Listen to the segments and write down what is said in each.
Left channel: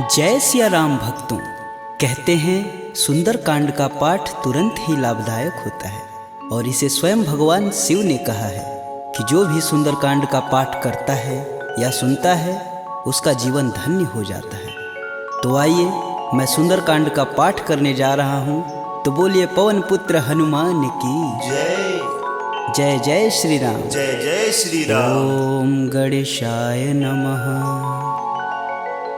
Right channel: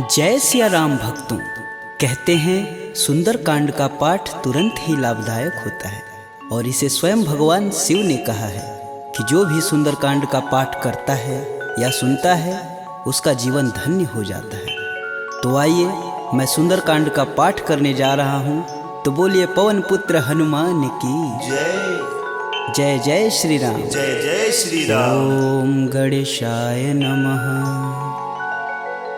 जय सिया राम भक्तों। कहते हैं सुंदरकांड का पाठ तुरंत ही लाभदायक होता है और इसे स्वयं भगवान शिव ने कहा है कि जो भी सुंदरकांड का पाठ करता है या सुनता है उसका जीवन धन्य हो जाता है। तो आइए मैं सुंदरकांड का पाठ करने जा रहा हूँ, तो बोलिए पवन पुत्र हनुमान की जय जय। जय श्री राम। जय जय श्री राम। ओम गणेशाय नमः।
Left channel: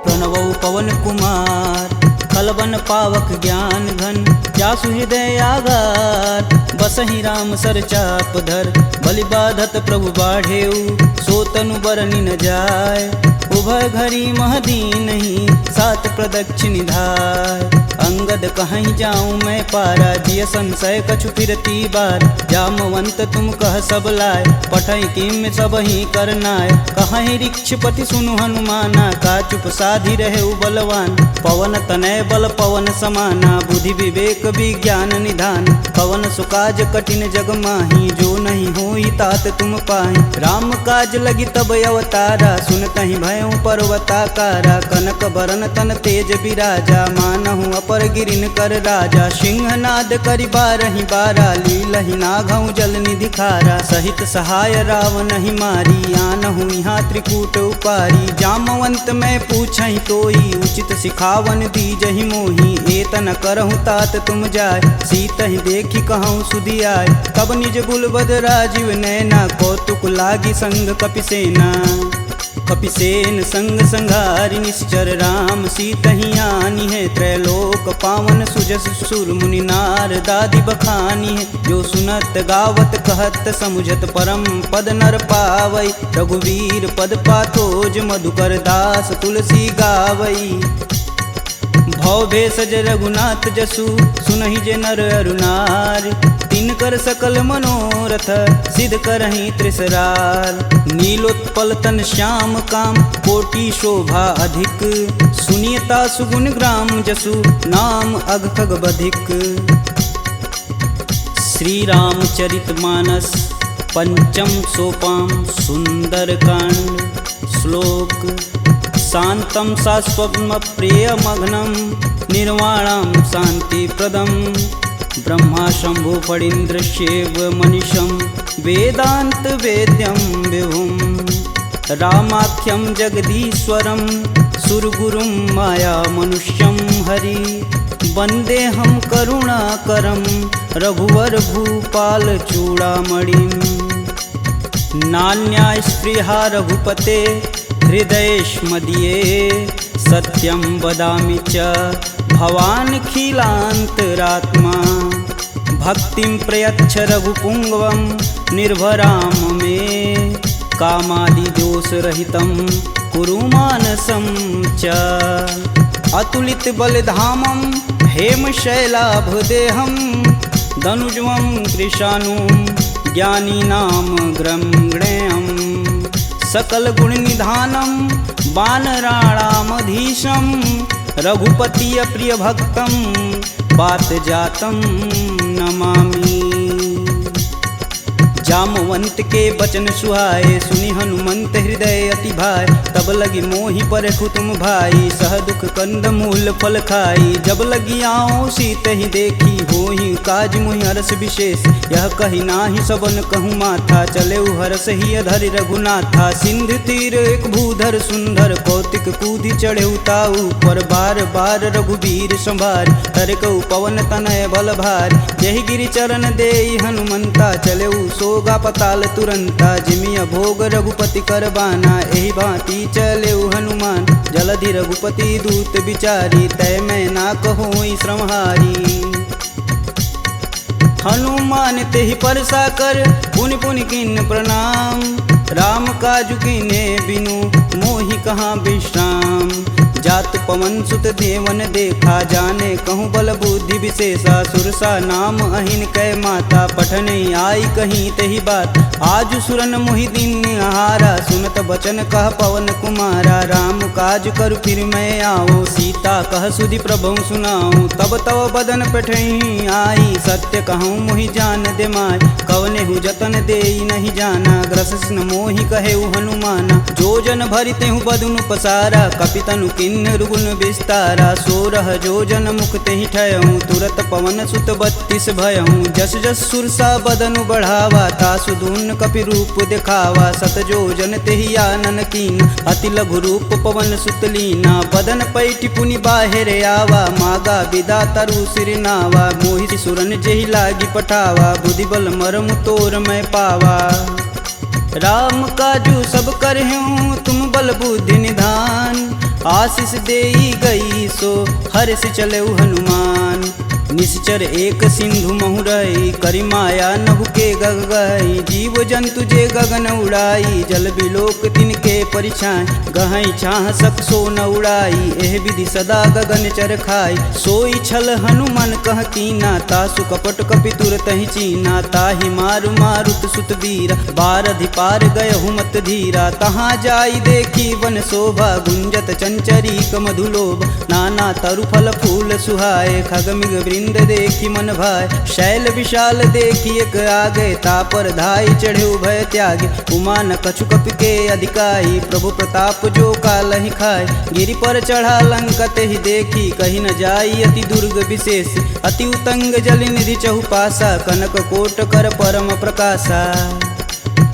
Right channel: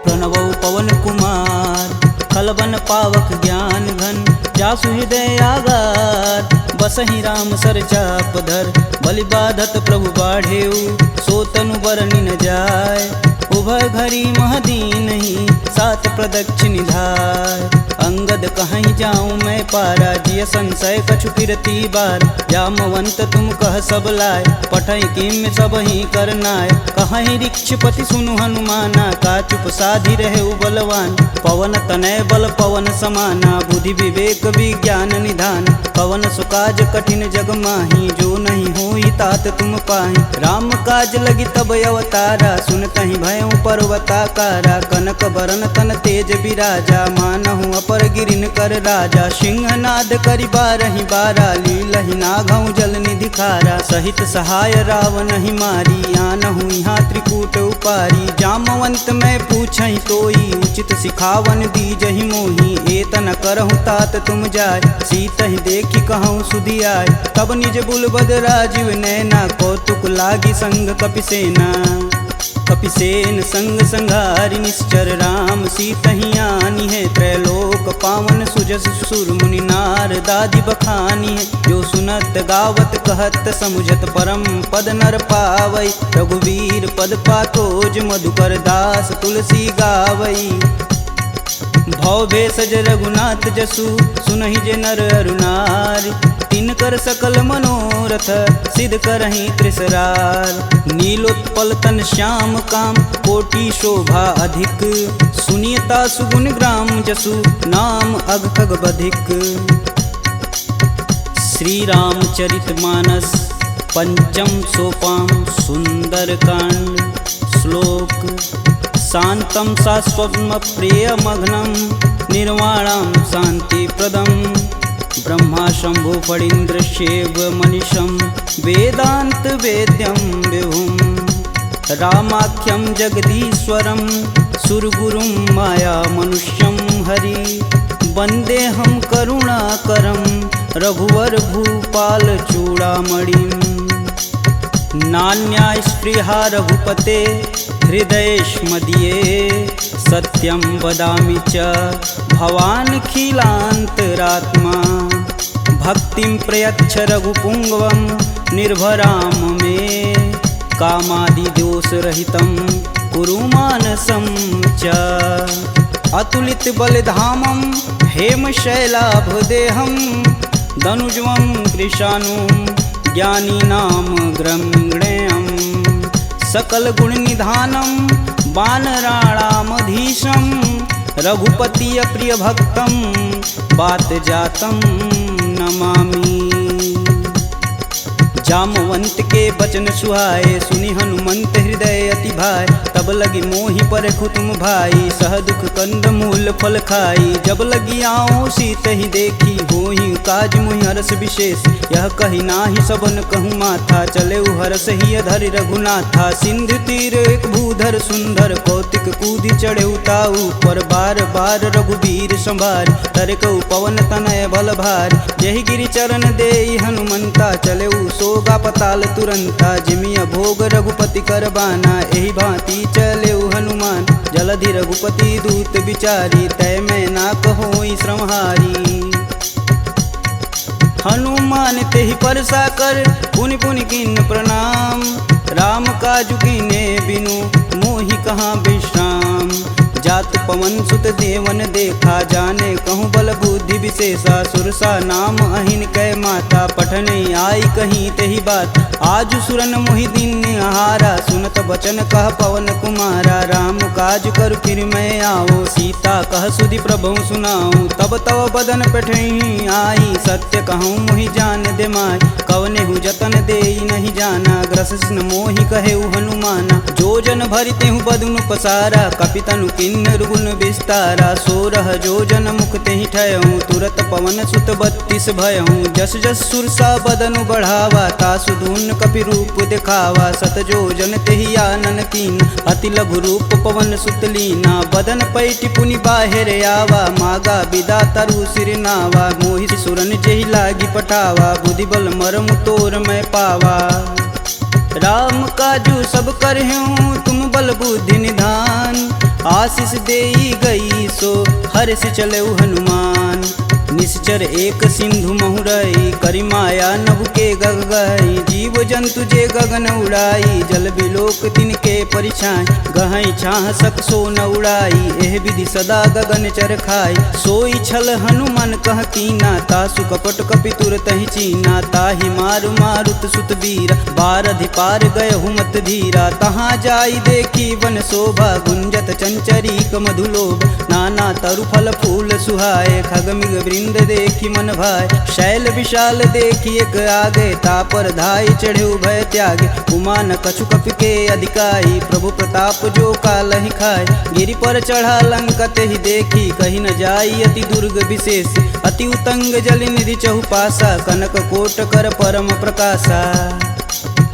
प्रणवौ पवन कुमार खलबन पावक ज्ञान घन, जासु हृदय आगार बसहि राम सर चाप धर। बलि बाधत प्रभु बाढ़ेऊ, सो तनु बरनि न जाय। उभय घरी महदीनहि, सात प्रदक्षिण धाय। अंगद कहीं जाऊं मैं पारा, जिय संशय कछु फिरती बार। जामवंत तुम कह सब लाय, पठई किम सब ही करनाय। कहीं ऋक्षपति सुनु हनुमाना, का चुप साधि रहे बलवान। पवन तनय बल पवन समाना, बुद्धि विवेक विज्ञान निधान। पवन सुकाज कठिन जग माही, जो नहीं होई तात तुम पाही। राम काज लगी तब अवतारा, सुनतहि भयउ पर्वताकारा। कनक बरन तन तेज बिराजा, मानहु अपर गिरिन कर राजा। सिंहनाद करि बारहि बारा, लीलहि नाघउ जल निधि खारा। सहित सहाय रावण ही मारी, आनहु यहाँ त्रिकूट उपारी। जामवंत मैं पूछहि तोई, उचित सिखावन दीजहि मोहि। एतन करहु तात तुम जाय, सीतहि देखि कहूँ सुधि आय। तब निज बुलबद राजीव नैना, कौतुक लागी संग कपिसेना। कपिसेन संग संघारि निश्चर, राम सीतहि आनी है। त्रैलोक पावन सुजस सुर मुनि नार दादि बखानी है। जो सुनत गावत कहत समुझत, परम पद नर पावई। रघुवीर पद पाथोज, मधुकर दास तुलसी गावई। भव भेषज रघुनाथ जसु, सुनहि जे नर अरुनार। तिनकर सकल मनोरथ, सिद्ध करहि त्रिसरार। नीलोत्पल तन श्याम काम, कोटि शोभा अधिक। सुनियता सुगुण ग्राम जसु, नाम अघ खग बधिक। श्री रामचरित मानस पंचम सोपान सुंदरकांड। श्लोक शांतं शाश्वतं प्रियमघ्नं, निर्वाणं शांतिप्रदं। ब्रह्मा शंभु फणीन्द्रशैव मनीषं, वेदांत वेद्यं विभुं। रामाख्यं जगदीश्वरं, सुरगुरुं माया मनुष्यं हरि। वन्देऽहं करुणाकरं, रघुवर भूपाल चूड़ामणिं। नान्या स्पृहा रघुपते, हृदयेष्मदीये। सत्यं वदामि च भवानखिलान्तरात्मा। भक्तिं प्रयच्छ रघुपुङ्गवं, निर्भराम मे। कामादिदोषरहितं कुरु मानसं च। अतुलित बलधामं, हेमशैलाभदेहं। दनुजवं कृशानुं, ज्ञानीनां ग्रंगणेयम्। सकल गुण निधानं, वानराणामधीशं। रघुपति प्रिय भक्तं, बात जातं नमामि। जामवंत के बचन सुहाए, सुनि हनुमंत हृदय अति भाय। तब लगी मोहि परखु तुम भाई, सह दुख कंद मूल फल खाई। जब लगी आओ सीत ही देखी, होहि काज मुहि हरस विशेष। यह कही नाही सबन कहूँ माथा, चले हरस ही अधरि रघुनाथा। सिंधु तीर एक भूधर सुंदर, कौतिक कूदि चढ़े ताऊ पर। बार बार रघुबीर संभार, तरकऊ पवन तनय बल भार। यही गिरि चरण देई हनुमंता, चले सोगा पताल तुरंता। जिमिया भोग रघुपति करबाना, एहि भांति चले हनुमान। जलधि रघुपति दूत बिचारी, तय मैं ना कहोई श्रमहारी। हनुमान तेहि परसा कर, पुनि पुनि किन प्रणाम। राम काजु कीने बिनु, मोहि कहाँ विश्राम। जात पवन सुत देवन देखा, जाने कहूँ बल बुद्धि विशेषा। सुरसा नाम अहिन कै माता, पठन आई कहीं तही बात। आज सुरन मोहि दिन आहारा, सुनत बचन कह पवन कुमारा। राम काज कर फिर मैं आओ, सीता कह सुधि प्रभु सुनाऊं। तब तव बदन पठई आई, सत्य कहूँ मोहि जान दे माय। कवने हु जतन देई नहीं जाना, ग्रसिन मोहि कहे हनुमाना। जो जन भरिते हूँ बदनु पसारा, कपितनु किन किन्नर गुण विस्तारा 16 जोजन मुख तेहि ठयहूँ तुरत पवन सुत 32 भयहूँ जस जस सुरसा बदनु बढ़ावा तासु दून कपि रूप दिखावा 7 जोजन तेहि आनन कीन अति लघु रूप पवन सुत लीना बदन पैठि पुनि बाहिर आवा मागा विदा तरु सिर नावा मोहि सुरन जेहि लागी पठावा बुद्धि बल मरमु तोर मैं पावा राम काजू सब करहूँ तुम बल बुद्धि निधान आशीष देई गई सो हर्ष चलऊ हनुमान निश्चर एक सिंधु महुरई करि माया नभु के गग गई जीव जंतु जे गगन उड़ाई जल बिलोक तिनके परिछाई गहई छाह सक सो न उड़ाई एह विधि सदा गगन चर खाई सोई छल हनुमान कह कीना तासु कपट कपि तुरत ही चीना ताहि मारु मारुत सुत वीर बारधि पार गय हुमत धीरा तहाँ जाई देखी वन शोभा गुंजत चंचरी मधुलोभ नाना तरु फल फूल सुहाए खगमिग वृंद देखी मन भाय शैल विशाल देखी एक आगे तापर धाई चढ़े भय त्यागे उमा न कछु कपि के अधिकाई प्रभु प्रताप जो कालहि खाए गिरि पर चढ़ा लंका तेहि देखी कहीं न जाई अति दुर्ग विशेष अति उतंग जल निधि चहुपासा कनक कोट कर परम प्रकाशा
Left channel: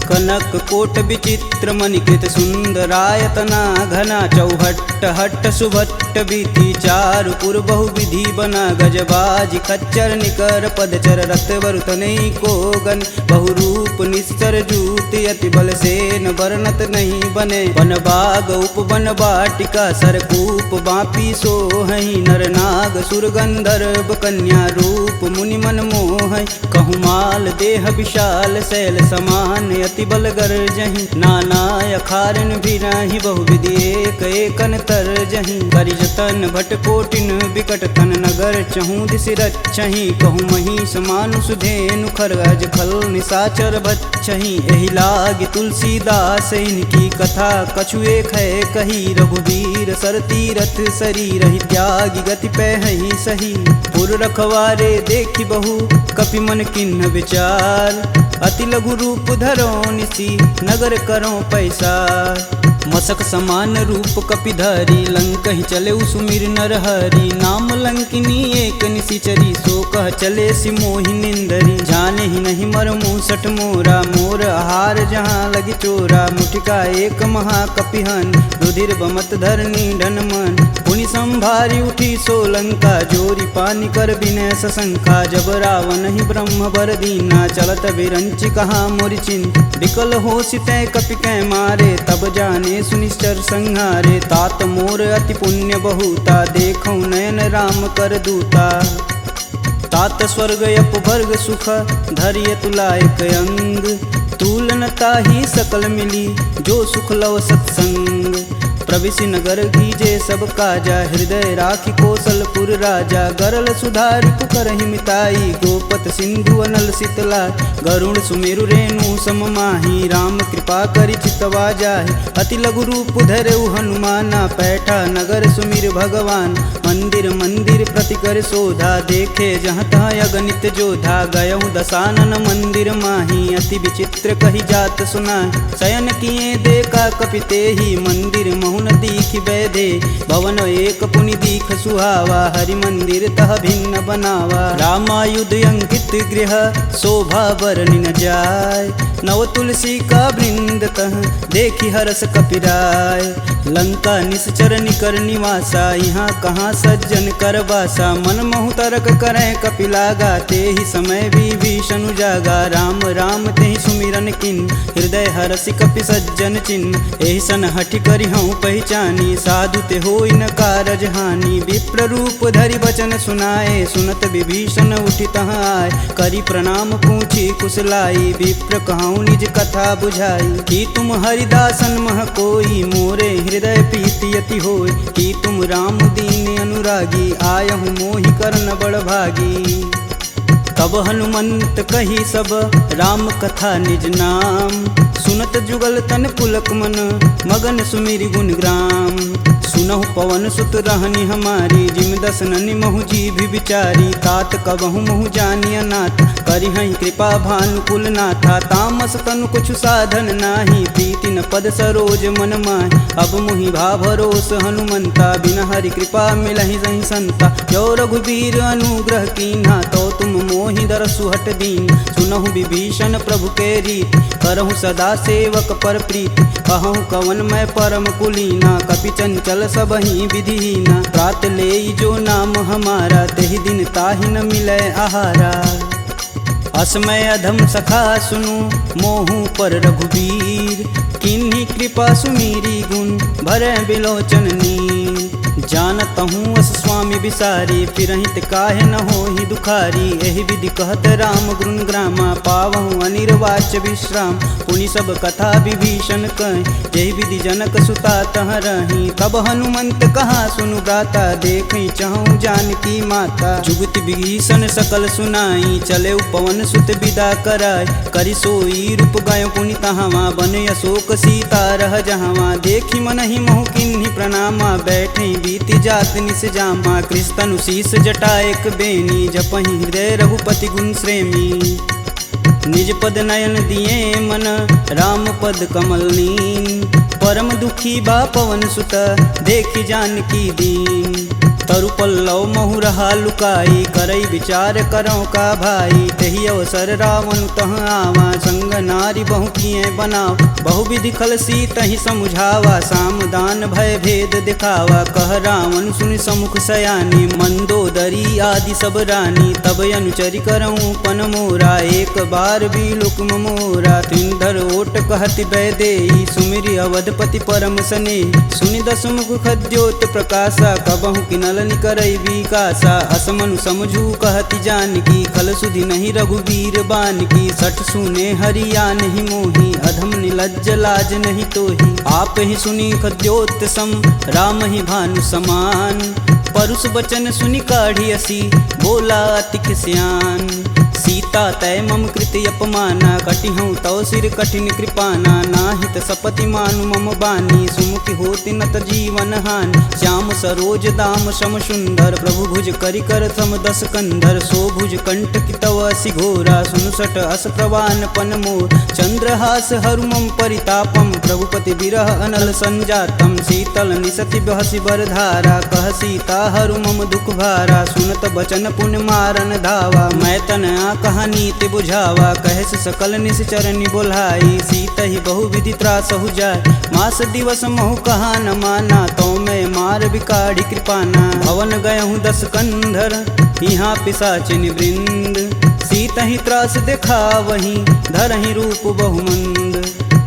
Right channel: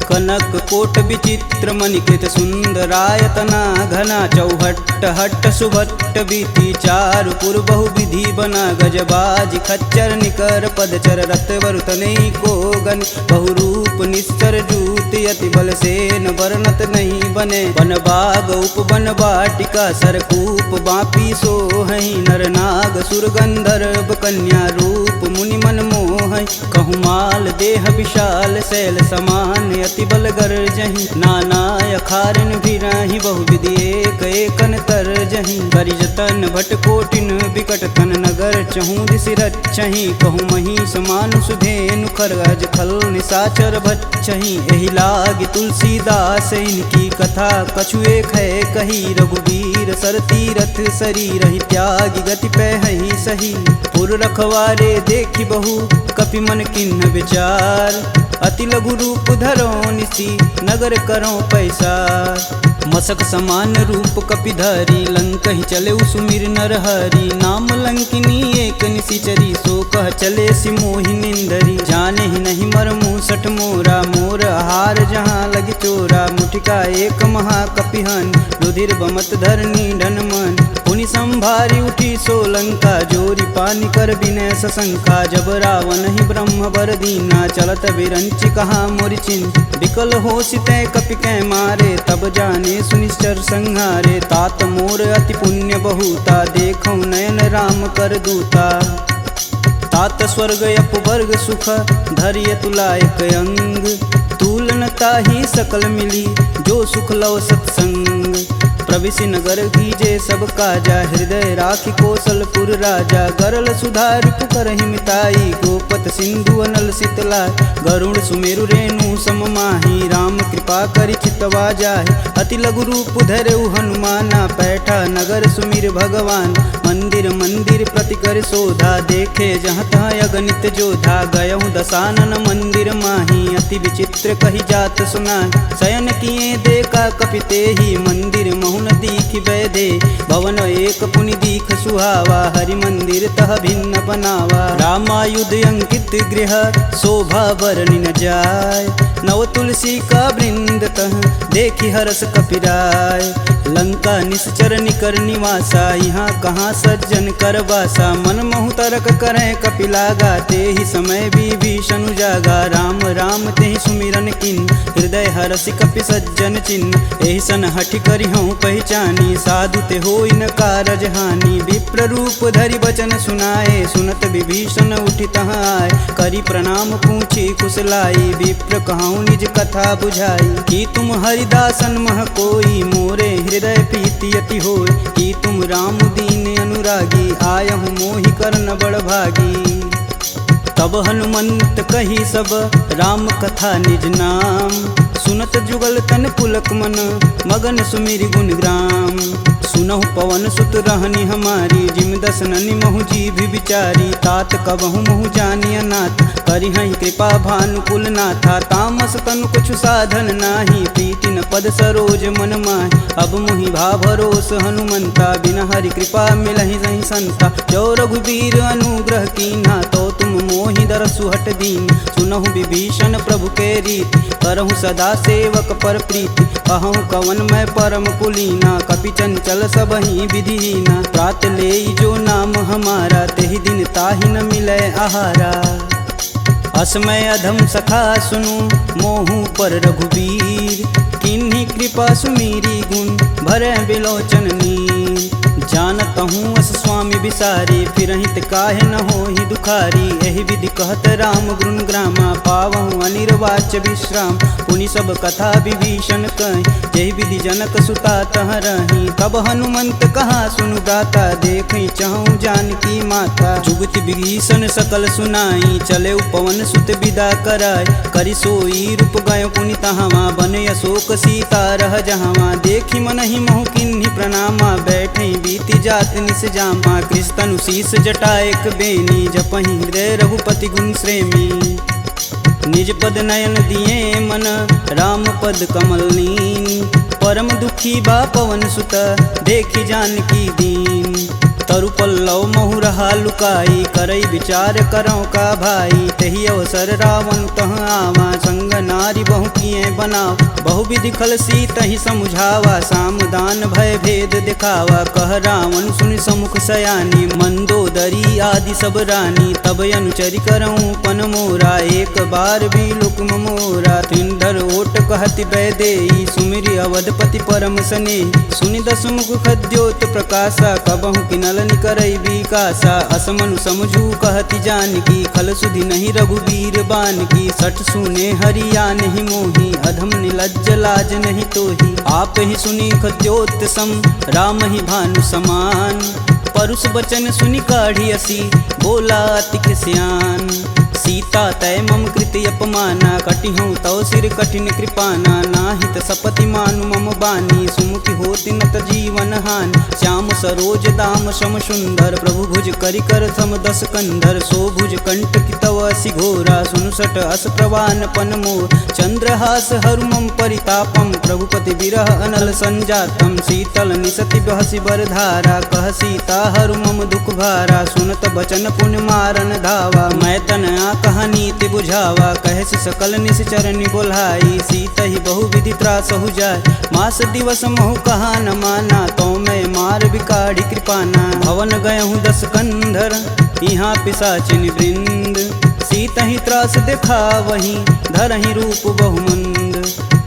कनक कोट विचित्र मणिकृत सुंदरायतना घना चौहट्ट हट्ट सुभट्ट बीती चारु पुर बहु विधि बना गजबाजी खच्चर निकर पदचर रथ वरुतने को गन बहुरूप निश्चर जूत अति बल सेन वर्णत नहीं बने वन बाग उप वन बाटिका सरकूप बापी सोहई नर नाग सुर गंधर्व कन्या रूप मुनि मन मोह कहु माल देह विशाल शैल समान अति बल गर्जहि नाना अखारन भिराहि बहुविधि एक एकन तरजहि करि जतन भट कोटिन विकट तन नगर चहु दिस रचहि कहु महिष मानुष धेनु खरगज खल निशाचर भच्छहि एहि लागी तुलसीदास इनकी कथा कछु एक है कही रघुवीर सर तीरथ शरीर ही त्यागी गति पैहि सही पुर रखवारे देखी बहु कपि मन किन्ह विचार अति लघु रूप धरो निसी नगर करो पैसार मसक समान रूप कपिधरी लंक ही चले सुमिर नर हरि नाम लंकिनी एक निशिचरी सो कह चले सिमोहि निंदरी जाने ही नहीं मर मूसठ मोरा मोर आहार जहाँ लगी चोरा मुठिका एक महाकपिहन रुधिर बमत धरनी ढन मन पुनि संभारी उठी सो लंका जोरी पानी कर विनय सशंका जब रावण ही ब्रह्म बर दीना चलत विरंचि कहा मोरि चिन्ह विकल हो सितै कपि कै मारे तब जाने सुनिश्चर संहारे तात मोर अति पुण्य बहुता देखौ नयन राम कर दूता तात स्वर्ग अपवर्ग सुख धैर्य तुलायक अंग तुलन ताहि सकल मिली जो सुख लव सत्संग प्रविशि नगर कीजे सब काजा हृदय राखि कौशलपुर राजा गरल सुधार पुकरहि मिताई गोपत सिंधु अनल शीतलाय गरुड़ सुमेरु रेणु सम माही राम कृपा करि चितवा जाहि अति लघु रूप धरऊ हनुमाना पैठा नगर सुमिर भगवान मंदिर मंदिर प्रति कर शोधा देखे जहाँ तहाँ अगणित जोधा गयहु दशानन मंदिर माही अति विचित्र कही जात सुनाय शयन किए देखा कपिते ही मंदिर महुन दीख बैदे भवन एक पुनि दीख सुहावा हरि मंदिर तह भिन्न बनावा रामायुध अंकित गृह शोभा बरनि न जाय नव तुलसी का वृंद तह देखी हरस कपिराय लंका निश्चर निकर निवासा यहाँ कहाँ सज्जन कर बासा मन महु तरक करें कपिलागा ते ही समय विभीषण जागा राम राम ते ही सुमिरन किन हृदय हरसि कपि सज्जन चिन्ह एहि सन हठि करि हूँ पहचानी साधु ते होई न कारज हानि विप्र रूप धरि बचन सुनाए सुनत विभीषण उठि तहाँ आए करि प्रणाम पूछी कुशलाई विप्र कहूँ निज कथा बुझाई कि तुम हरिदासन मह कोई मोरे हृदय प्रीति अति होय कि तुम राम दीन अनुरागी आयहु मोहि करन बड़ भागी तब हनुमंत कही सब राम कथा निज नाम सुनत जुगल तन पुलक मन मगन सुमिरि गुण ग्राम। सुनहु पवन सुत रहनी हमारी जिम दसननि महु जीभ विचारी। तात कबहु महु जानी अनाथ करिहहि कृपा भानुकुल नाथा। तामस तनु कुछु साधन नाही प्रीति न पद सरोज मन माहि। अब मुहि भा भरोस हनुमंता बिना हरि कृपा मिलहि सहि संता। जो रघुबीर अनुग्रह कीन्हा तो तुम मोहि दरसु हट दीन। सुनहु विभीषण प्रभु के रीति करहु सदा सेवक पर प्रीति। कहूँ कवन मैं परम कुलीना कपि चंचल सबहि विधिहीना। प्रात लेई जो नाम हमारा तेहि दिन ताहि न मिलै आहारा। असमय अधम सखा सुनु मोहु पर रघुबीर। किन्हीं कृपा सुमीरी गुण भरै बिलोचन नीर। जानत हूँ अस स्वामी बिसारी फिरहित काहे न होहि दुखारी। एहि विधि कहत राम गुण ग्रामा पावहु अनिर्वाच्य विश्राम। पुनि सब कथा विभीषण कहि जेहि विधि जनक सुता तह रही। तब हनुमंत कहा सुनु भ्राता देखहि चहु जानकी माता। जुगति विभीषण सकल सुनाई चले पवन सुत विदा कराई। करि सोई रूप गयो पुनि तहावा बन अशोक सीता रह जहावा। देखि मनहि मोहु किन्हि प्रणामा बैठे बीति जात निस जामा। कृष्ण शीस जटा एक बेनी जपहि हृदय रघुपति गुण श्रेमी। निज पद नयन दिए मन राम पद कमल नीन। परम दुखी बा पवन सुत देखि जानकी दीन। तरु पल्लव महु रहा लुकाई करई विचार करौ का भाई। तही अवसर रावण तह आवा संग नारी बहु किए बनाव। बहु विधि खल सीतहि समुझावा साम दान भय भेद दिखावा। कह रावण सुनि समुख सयानी मंदोदरी आदि सब रानी। तब अनुचरि करऊँ पन मोरा एक बार भी लुक मोरा। त्रिंधर ओट कहति बैदेई सुमिरि अवधपति परम स्नेही। सुनि दस मुख खद्योत प्रकाशा कबहु किनल निकरई विकासा। असमनु समझू कहति जानकी खल सुधि नहीं रघुबीर बानकी। सठ सुने हरिया नहीं मोही अधम निलज्ज लाज नहीं तोही। आप ही सुनी खद्योत सम राम ही भानु समान। परुष बचन सुनि काढ़ी असी बोला अति खिसियान। सीता तय मम कृति अपमाना कटिहूँ तव सिर कठिन कृपाना। नाहित सपति मानु मम बानी सुमुखी होति नत जीवन हानि। श्याम सरोज दाम सम सुंदर प्रभु भुज करि कर सम दस कंधर। सो भुज कंठ की तव असि घोरा सुनुसट अस प्रवान पन मोर। चंद्रहास हरु मम परितापम प्रभुपति बिरह अनल संजातम। शीतल निसति बहसि बरधारा कह सीता हरु मम दुख भारा। सुनत बचन पुण्य मारन धावा मैं तन कहानी ते बुझावा। कहस सकल निश्चरनि बोलाई सीतहि बहु विधि त्रासहु जाय। मास दिवस महु कहा न माना तो मैं मार बिकाढ़ी कृपाना। भवन गयहूँ दस कंधर यहाँ पिशाचिन वृंद। सीतहि त्रास देखा वहीं धरहि रूप बहुमंद।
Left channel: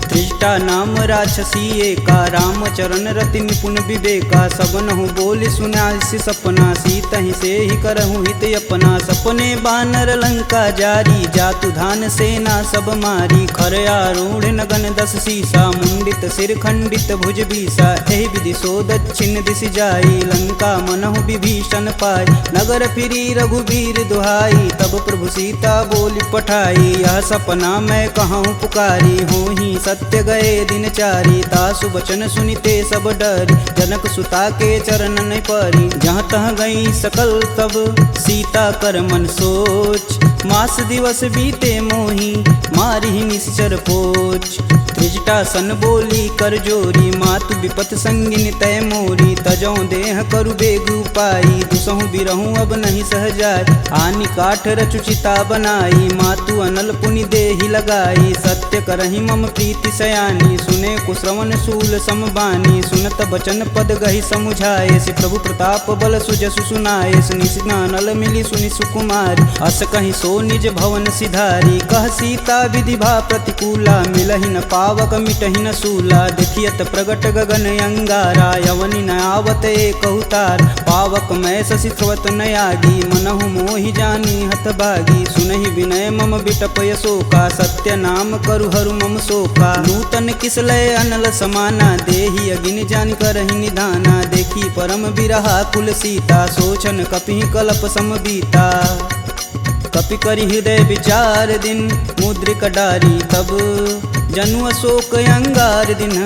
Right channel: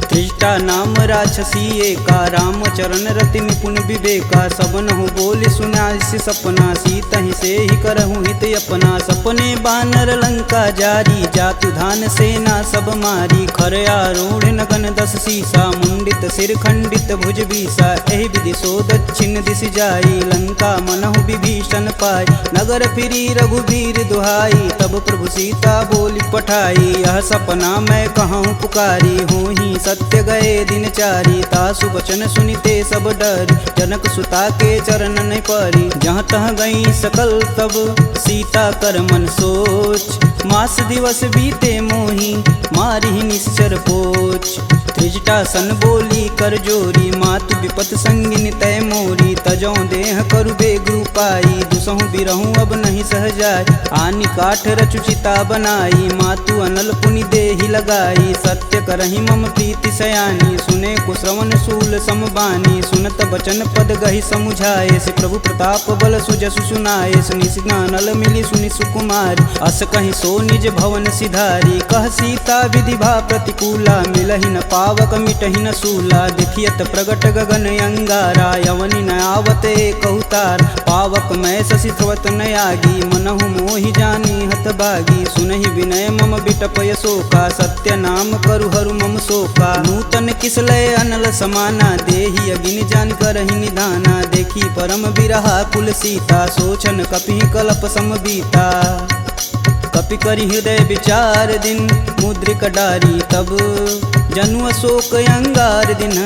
त्रिजटा नाम राक्षसी एका राम चरण रति निपुण विवेका। सबनहु बोली सुनासि सपना सीतहि से ही करहु हित अपना। सपने बानर लंका जारी जातु धान सेना सब मारी। खर आरूढ़ नगन दस सीसा मुंडित सिर खंडित भुज बीसा। एहि विधि सो दक्षिण दिश जाई लंका मनहु विभीषण पाई। नगर फिरी रघुबीर दुहाई तब प्रभु सीता बोली पठाई। यह सपना मैं कहूँ पुकारी होहि सत्य गए दिन चारी। तासु बचन सुनिते सब डरी जनक सुता के चरण नहीं परी। जहाँ तह गई सकल तब सीता कर मन सोच। मास दिवस बीते मोही मारी निश्चर पोच। त्रिजटा सन बोली कर जोरी मातु विपत संगिन तय मोरी। तजौ देह करु बेग उपाई दुसहु बिरहूँ अब नहीं सह जाय। आनि काठ रचुचिता बनाई मातु अनल पुनि देहि लगाई। सत्य करहि मम प्रीति सयानी सुने कुश्रवण शूल समबानी। सुनत बचन पद गहि समुझाए से प्रभु प्रताप बल सुजसु सुनाए। निशिना नल मिली सुनि सुकुमारी अस कहि सो निज भवन सिधारी। कह सीता विधि भा प्रतिकूला मिलहि न पावक मिटहि न सूला। देखियत प्रगट गगन अंगारा यवनि न आवत एक अवतार। पावक मैं शशि स्रवत न आगी मनहु मोहि जानी हत भागी। सुनहि विनय मम बिटप यशोका सत्य नाम करु हरु मम शोका। नूतन किसलय अनल समाना देहि अगिन जान करहि निधाना। देखी परम बिरहा कुल सीता सोचन कपि कलप सम बीता। कपि करि हृदय विचार दिन मुद्रिक डारी तब जनु अशोक अंगार दिन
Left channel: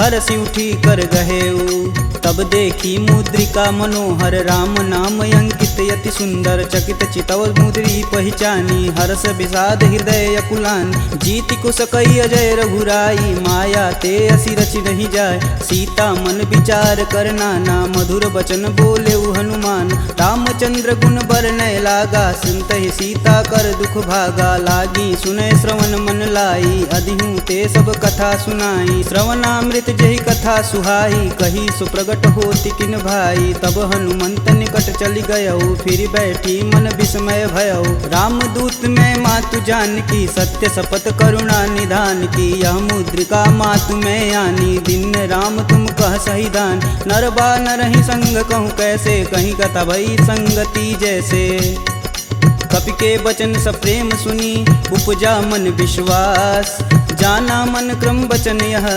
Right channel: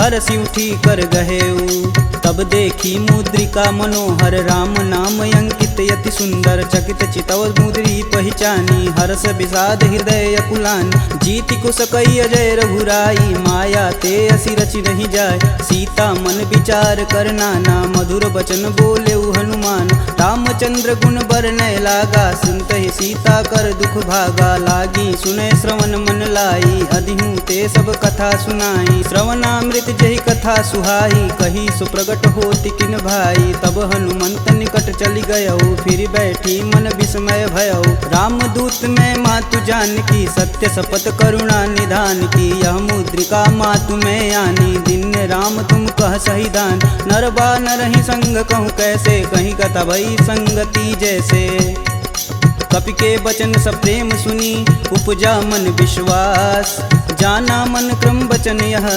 हरसि उठी कर गहेऊ। तब देखी मुद्रिका मनोहर राम नाम अंकित यति सुंदर। चकित चितव मुद्री पहचानी हर्ष विषाद हृदय अकुलान। जीति कुश कई अजय रघुराई माया ते असी रचि नहीं जाय। सीता मन विचार कर नाना मधुर वचन बोले हनुमान। रामचंद्र गुण बरनय लागा सुनत ही सीता कर दुख भागा। लागी सुनय श्रवण मन लाई अधिहूँ ते सब कथा सुनाई। श्रवणामृत जही कथा सुहाई कही सुप्रगट होति किन भाई। तब हनुमंत निकट चली गयऊ फिर बैठी मन विस्मय भयऊ। रामदूत में मातु जानकी सत्य शपथ करुणा निधान की। यह मुद्रिका मातु में आनी दिन राम तुम कह सही दान। नरबा नरहि संग कहूँ कैसे कहीं कथा भई संगति जैसे। कपि के वचन सप्रेम सुनी उपजा मन विश्वास। जाना मन क्रम वचन यह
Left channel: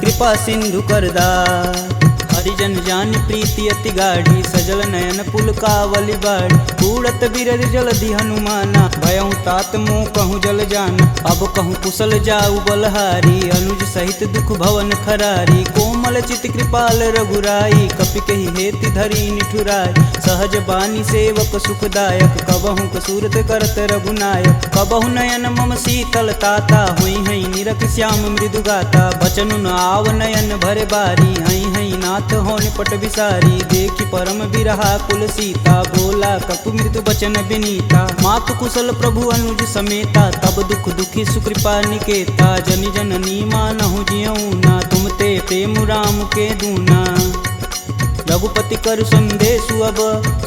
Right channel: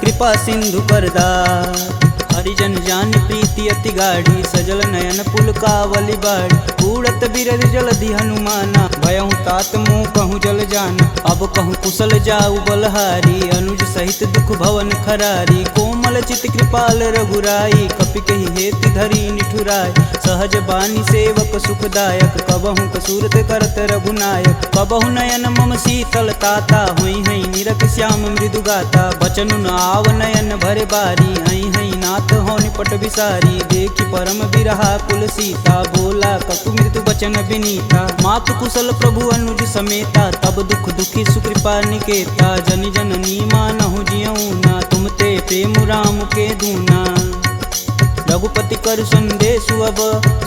कृपा सिंधु करदार। हरिजन जान प्रीति अति गाढ़ी सजल नयन पुलकावली बाढ़। कूड़त बिरद जलधि हनुमाना भयहु तात मोह कहूँ जल जान। अब कहूँ कुशल जाऊ बलहारी अनुज सहित दुख भवन खरारी। कोमल चित कृपाल रघुराई कपि कहि हेति धरी निठुराय। सहज बानी सेवक सुखदायक कबहु कसूरत करत रघुनायक। कबहु नयन मम शीतल ताता हुई हई निरख श्याम मृदु गाता। बचनु न आव नयन भरे बारी हई हई नाथ हो निपट विसारी। देखी परम बिरहा कुल सीता बोला कपु मृदु बचन विनीता। मातु कुशल प्रभु अनुज समेता तब दुख दुखी सुकृपा निकेता। जनि जननी मानहु जियऊ ना तुम ते प्रेम राम के दूना। रघुपति कर संदेशु अब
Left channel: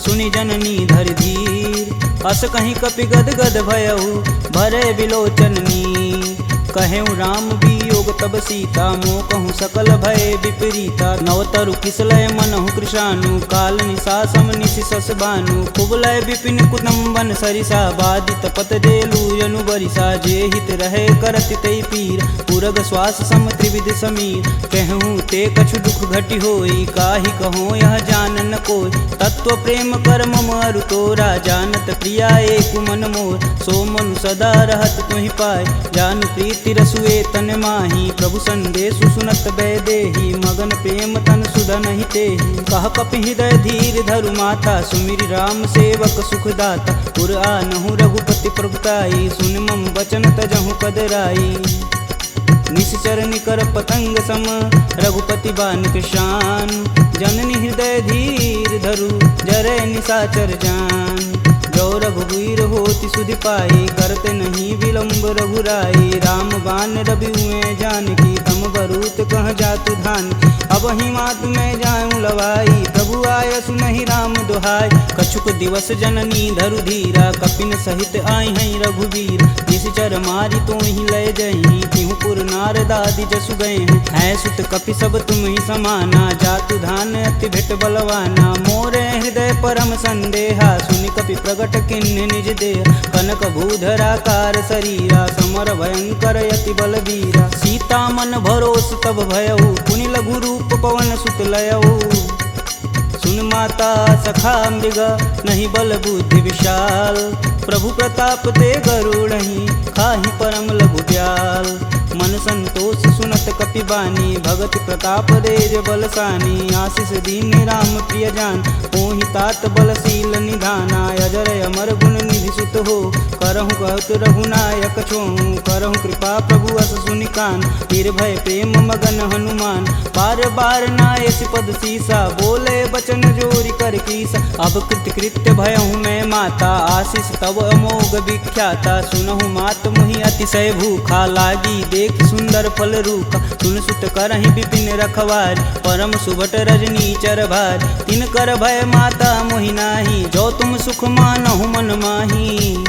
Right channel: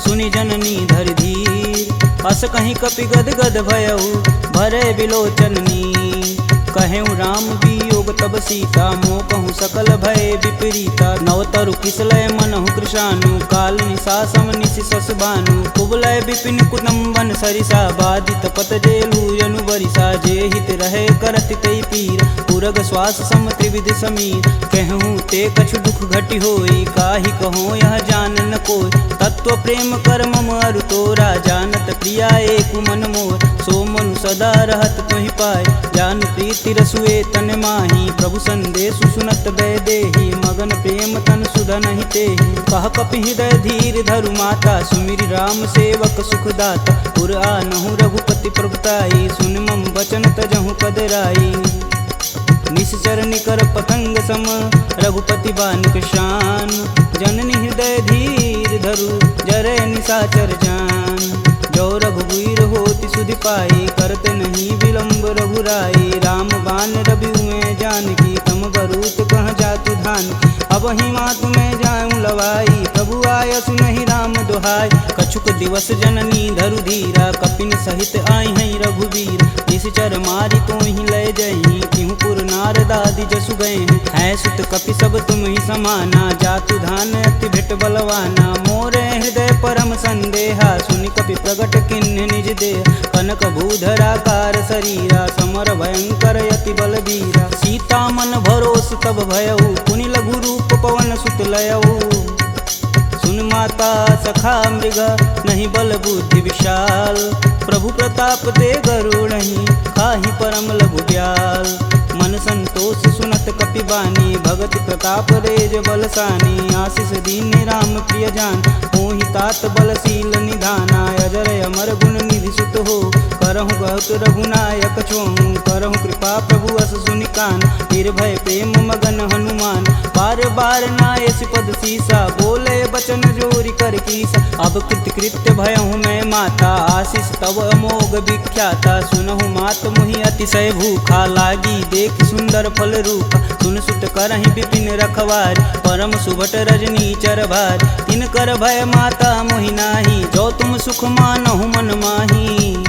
सुनि जननी धरि धीर। अस कहीं कपि गद गद भयऊ भरे विलोचन नीर। कहेऊ राम वियोग तब सीता मोह कहूँ सकल भय विपरीता। नवतरु किसलय मनहु कृशानु काल निशा सम निशिशस भानु। कुबलय विपिन कुटुम्बन सरिसा बाधित पत जेलु जनु बरिसा। जे हित रहे करति तै पीर पुरग श्वास सम त्रिविध समीर। कहूँ ते कछु दुख घटि होई काहि कहो यह जान न कोई। तत्व प्रेम कर मम अरु तोरा जानत प्रिया एक मन मोर। सो मनु सदा रहत तुहि पाय जानु प्रीति रसुए तन माही। प्रभु संदेशु सुनत बैदेही मगन प्रेम तन सुधन ही तेहि। कह कपि हृदय धीर धरु माता सुमिरि राम सेवक सुखदाता। पुर आनहु रघुपति प्रभुताई सुन मम वचन तजहु कदराई। निश्चर निकर पतंग सम रघुपति बान कृशान। जननी हृदय धीर धरु जरै निशाचर जान। जो रघुवीर होति सुधि पाई करते नहीं विलम्ब रघुराई। राम बान रवि हुए जानकी तम बरूत कह जातु धान। अब ही मातु में जाऊँ लवाई प्रभु आय सुनहि राम दुहाई। कछुक दिवस जननी धरु धीरा कपिन सहित आई हैं रघुवीर। निश्चर मारी तो ही लय जही तिहु पुर नारदादि जसु गए हैं। है सुत कपि सब तुम ही समाना जातु धान अति भेट बलवाना। मोरे हृदय परम संदेहा सुनि कपि प्रगट किन्ह निज देह। कनक भूधराकार शरीरा समर भयंकर यति बलबीरा। सीता मन भरोस तब भयऊ पुनि लघु रूप पवन सुत लयऊ। सुन माता सखा मृग नहीं बल बुद्धि विशाल। प्रभु प्रताप ते गरुड़हि खाहि परम लघु ब्याल। मन संतोष सुनत कपि बानी भगति प्रताप रेज बलसानी। आशीष दीन राम प्रिय जान होहि तात बलशील निधाना। अजर अमर गुण निधि सुत हो करहु कहत रघुनायक छोहु। करहु कृपा प्रभु अस सुनि कान निर्भय प्रेम मगन हनुमान। बार बार नायस पद सीसा बोले बचन जोरि कर कीसा। अब कृत्य भयहु मैं माता आशीष तब अमोघ विख्याता। सुनहु मात मुहि अतिशय भूखा लागी देख सुंदर फल रूपा। सुन सुत करहि विपिन रखवार परम सुभट रजनी चर भार। तिन कर भय माता मोहि नाही जो तुम सुख मानहु मन माही।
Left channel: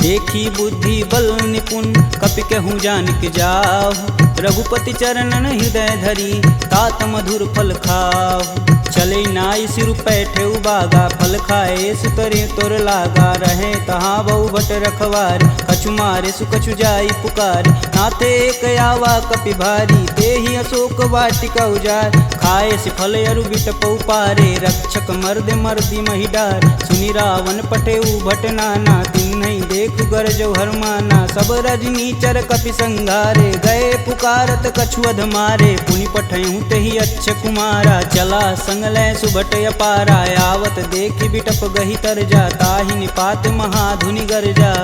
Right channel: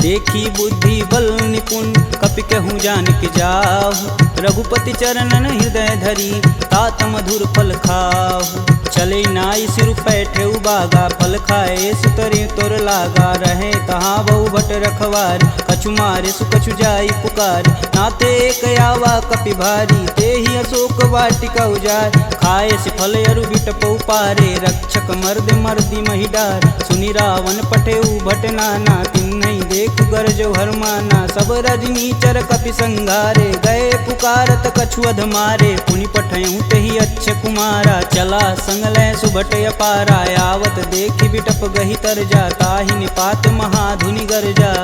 देखी बुद्धि बल निपुण कपि कहूँ जानिक जाहु। रघुपति चरणन हृदय धरी तात मधुर फल खाहु। चले नाई सिर पैठे उबागा फल खाए सुतरे तोर लागा। रहे तहाँ बहु भट रखवार कछु मारे सुकछु जाई पुकार। नाथे एक आवा कपि भारी ते ही अशोक वाटिका उजार। खाए से फल अरु बिटपौ पारे रक्षक मर्द मर्दी महिडार। सुनि रावण पठे भट नाना तिन्हि देखु गरजौ हरमाना। सब रजनीचर कपि संघारे, गए पुकारत कछु अधमारे। पुनि पठयहु तेहि अच्छ कुमारा, चला संग लय सुभट अपारा। आवत देखि बिटप गही तरजा, ताहि निपात महाधुनि गरजा।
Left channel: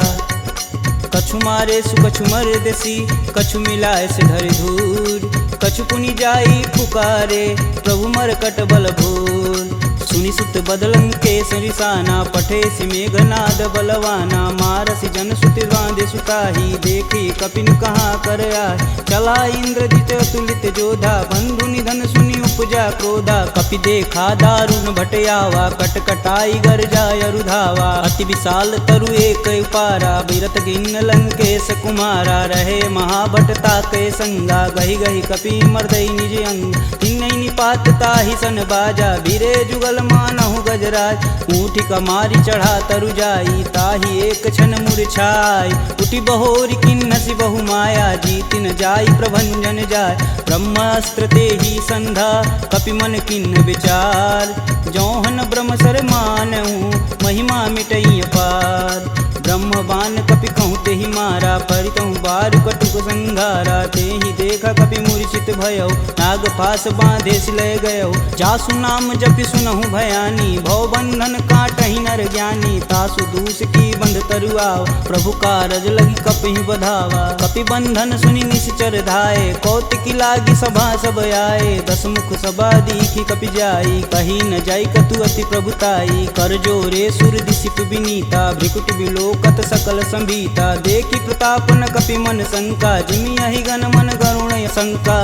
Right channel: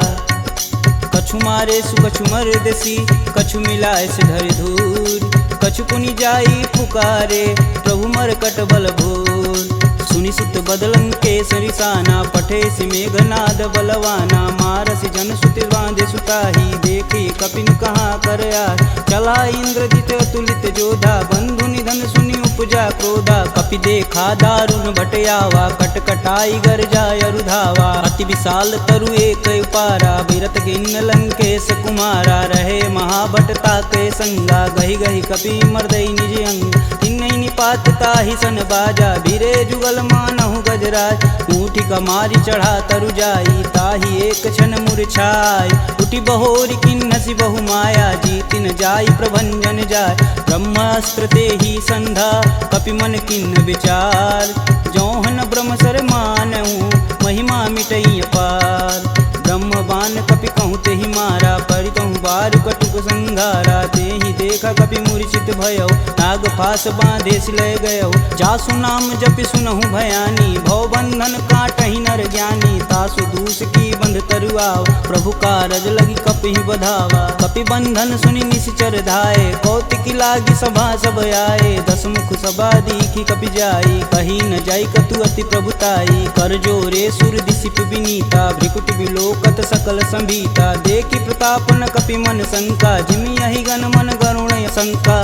कछु मारे सु कछु मर्दसी, कछु मिलाए से धरि धूर। कछु पुनि जाई पुकारे, प्रभु मरकट बल भूर। सुनि सुत बदलंके सरिसाना, पठे सि मेघनाद बलवाना। मारसि जन सुति बांधे सुताही, देखी कपिन कहाँ कर आए। चला इंद्रजित अतुलित जोधा, बंधु निधन सुनि उपजा क्रोधा। कपि देखा दारुण भटयावा, कटकटाई गरजा अरुधावा। अति विशाल तरु एक उपारा, बिरत गिन्न लंकेश कुमारा। रहे महाभट ताके संगा, गही गही कपि मर्दई निज अंग। तिन्नई निपात ताहि सन बाजा, बीरे जुगल मानहु गजराज। ऊँठी कमारी चढ़ा तरु जाई, ताहि एक क्षण मूर्छाई। उठी बहोरी किन्नसी बहु माया, जीतिन जाई प्रभंजन जाय। ब्रह्मास्त्र तेहि संधा, कपि मन किन्न विचार। जौहन ब्रह्म सर मानहु, महिमा मिटई अपार। ब्रह्म बान कपि कहूँ तेहि मारा, परितहु बारु कटुक संघारा। तेहि देखा कपि मूर्छित भयौ, नाग फास बांधे सिलय गयौ। जासु नाम जपि सुनहु भयानी, भव बंधन काटहि नर ज्ञानी। तासु दूस की बंध तरुआव, प्रभु कारज लगी कपि बधावा। कपि बंधन सुनि निश्चर धाये, कौतिकी लागी सभा सब आए। दस मुख सभा दीखी कपि जाई, कही न जाई कतु अति प्रभुताई। कर जोरे सुर दिसिप विनीता, भ्रिकुट बिलोकत सकल संभीता। देखी प्रताप न कपि मन शंका, जिमि यही गण मन गरुण शंका।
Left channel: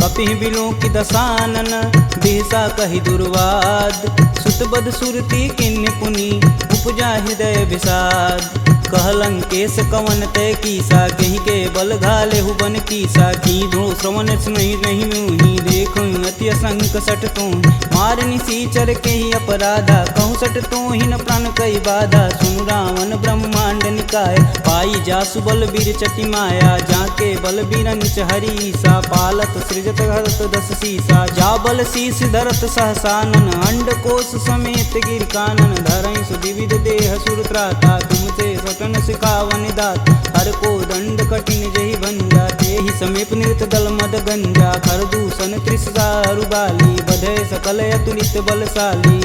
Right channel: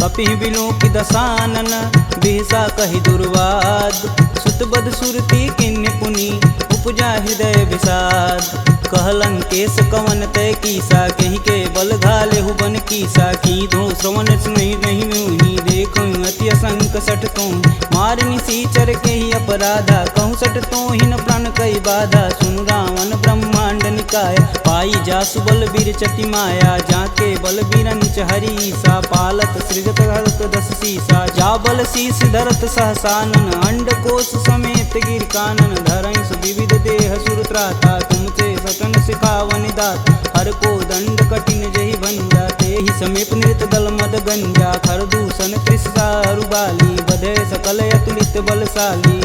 कपि बिलोकि दसानन, बिहसा कहि दुर्वाद। सुतबद सुरति किन्ह पुनि, उपजा हृदय विषाद। कहलंकेश कवन तय कीसा, कहीं के बल घाले हुबन कीसा। की धो श्रवण नहीं नहीं मुहि, देखो अति असंक सठ तो। मार निसीचर के ही अपराधा, कहूँ सठ तो ही न प्राण कई बाधा। सुनु रावण ब्रह्मांड निकाय, पाई जासु बल बीर चटी माया। जाके बल बीरंच हरीसा, पालत सृजत हरत दस सीसा। जा बल शीस धरत सहसानन, अंड कोश समेत गिर कानन। धरई सुविविध देह सुर त्राता, तुमसे सटन सिखावन दात। हर को दंड कठिन जही भंजा, तेहि समीप नृत दल मद गंजा। खर दूषण त्रिषा अरुबाली, बधे सकल अतुलित बलशाली।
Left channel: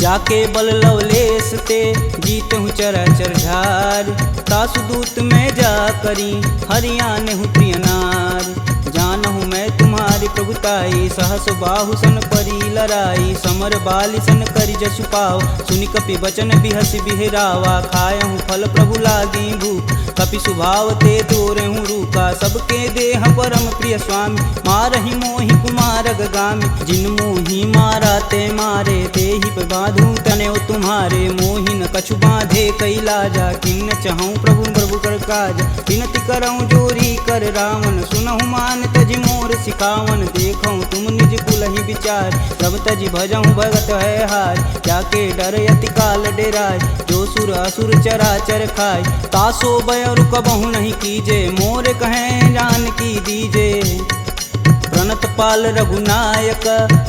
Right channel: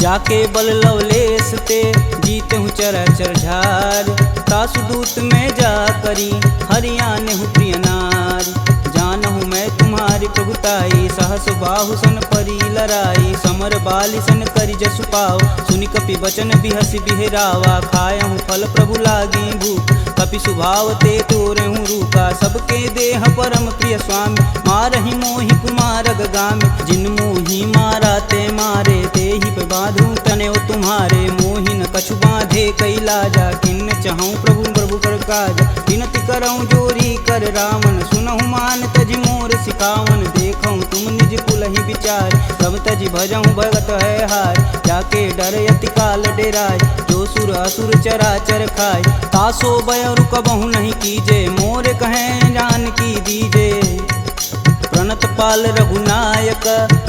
जाके बल लवलेश ते, जीतहु चराचर झार। तासु दूत में जा करी, हरियाणहु प्रिय नार। जानहु मैं तुम्हारी प्रभुताई, सहस बाहु सन परी लराई। समर बाली सन करि जसु पाव, सुनि कपि बचन बिहसि बिहरावा। खायहु फल प्रभु लागी भूख, कपि सुभाव ते तोरहु रूखा। सबके देह परम प्रिय स्वामी, मारहि मोहि कुमार गामी। जिन मोहि मारा ते मारे, तेहि पे बांधु तनेउ तुम्हारे। मोहि न कछु बांधे कई लाजा, किन्न चहऊँ प्रभु प्रभु कर काज। विनति करऊँ जोरी कर रावण, सुनहु मान तजि मोर सिखावन। देखऊँ तुम निज कुलहि विचार, प्रभ तजि भजऊँ भगत है हार। जाके डर यति काल डेराय, जो सुर असुर चराचर खाय। तासो भय रुकबहु नहीं कीजे, मोर कहें जान की दीजे। प्रणत पाल रघुनायक,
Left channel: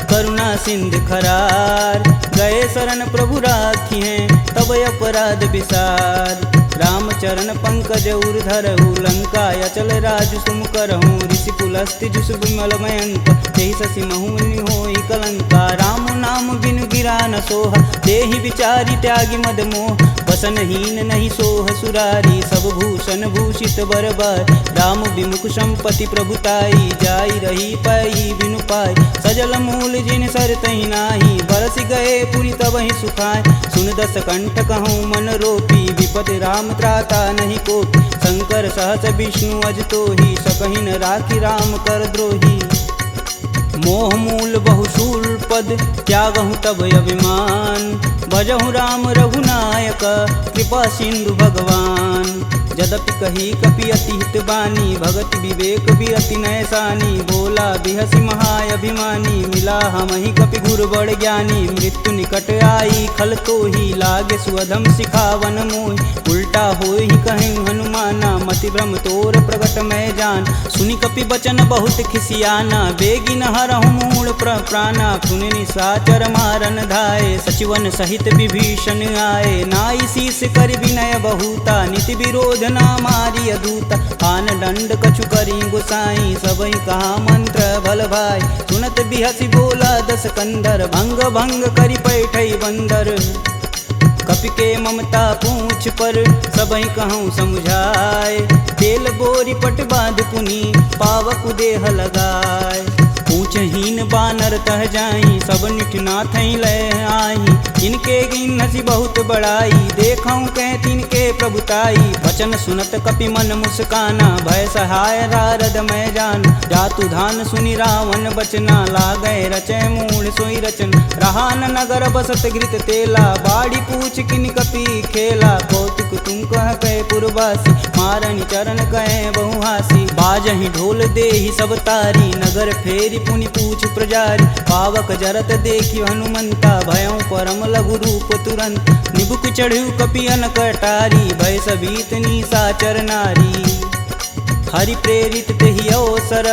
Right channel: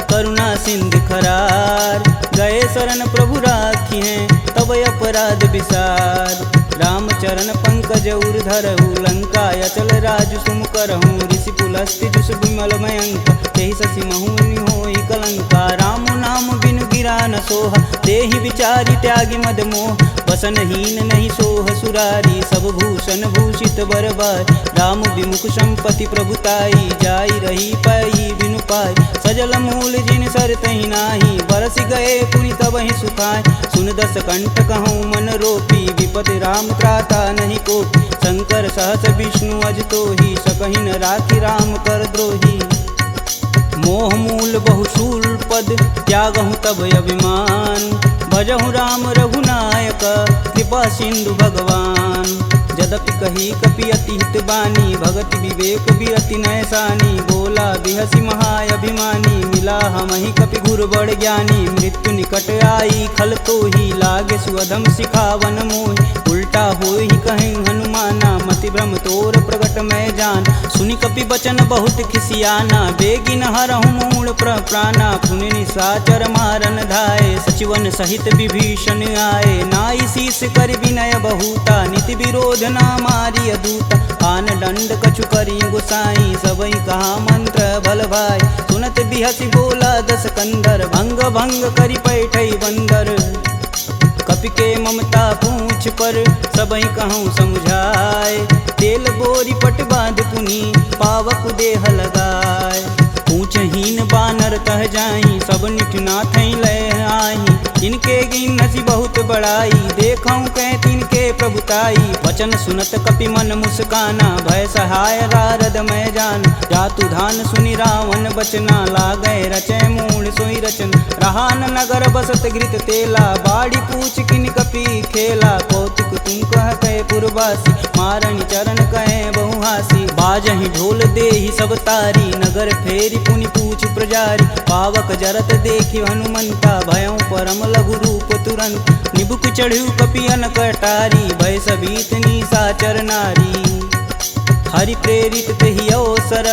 करुणा सिंध खरार। गए शरण प्रभु राखी हैं, तब अपराध विसार। रामचरण पंकज उर धरहु, लंका अचल राजु सुम करहूँ। ऋषि पुलस्ति जुस विमल मयंक, तेहि शशि महुनि होई कलंका। राम नाम बिनु गिरा न सोहा, देहि विचारी त्यागी मद मोह। वसनहीन नहीं सोह सुरारी, सब भूषण भूषित बरबार। राम विमुख संपत्ति प्रभुताई, जाई रही पाई बिनु पाई। सजल मूल जिन सर तहि नाही, बरस गए पुनि तबहि सुखाय। सुन दस कंठ कहूँ मन रोपी, विपति राम त्राता नहीं कोपी। शंकर सहस विष्णु अज तोहि, सकहि न राखी राम कर द्रोही। मोह मूल बहुशूल पद, त्यागहु तब अभिमान। भजहु राम रघुनायक, कृपा सिंधु भगवान। यद्यपि कही कपि अति हित बानी, भगति विवेक बिरति नैसानी। बोला बिहसी महाअभिमानी, मिला हमहि कपि गुर बड़ ज्ञानी। मृत्यु निकट आई खल तो ही, लागे सुअधम सिखावन मोहि। उल्टा होई कहीं हनुमाना, मति भ्रम तोर प्रगट मैं जान। सुनि कपि बचन बहुत खिसियाना, बेगिन हरहु मूल प्राणा। पुनि निशाचर मारन धाये, सचिवन सहित विभीषण आए। नाई शीस कर विनय बहुता, नीति विरोध ना मारी अदूता। आन दंड कछु करी गुसाई, सबई कहा मंत्र बल भाई। सुनत बिहसी बोला दस कंदर, भंग भंग करि पैठई बंदर। कपि के ममता पूछ पर, सबई कहूँ समझाए। तेल बोरी पट बांध पुनि, पावक देह लगाए। पूछहीन बानर तह जाही, सब निठना थई लय आही। इनके गिन हसी बहुत बड़ाई, देखऊँ कह तिनके प्रभुताई। वचन सुनत कपि मन मुस्काना, भय सहाय नारद मैं जान। जातु धान सुनि रावण बचना, लागै रचय मूढ़ सोई रचन। रहा न नगर बसत घृत तेला, बाड़ी पूछ किन कपि खेला। कौतुक तुम कह कहे पुरवासी, मारनि चरण कहे बहुहासी। बाजहि ढोल देहि सब तारी, नगर फेरी पुनि पूछ प्रजारी। पावक जरत देखि हनुमंता, भयं परम लघु रूप तुरंत। निबुक चढ़ु कपि अनक अटारी, भय सबीत निशाचर नारी। हरि प्रेरित तेहि अवसर,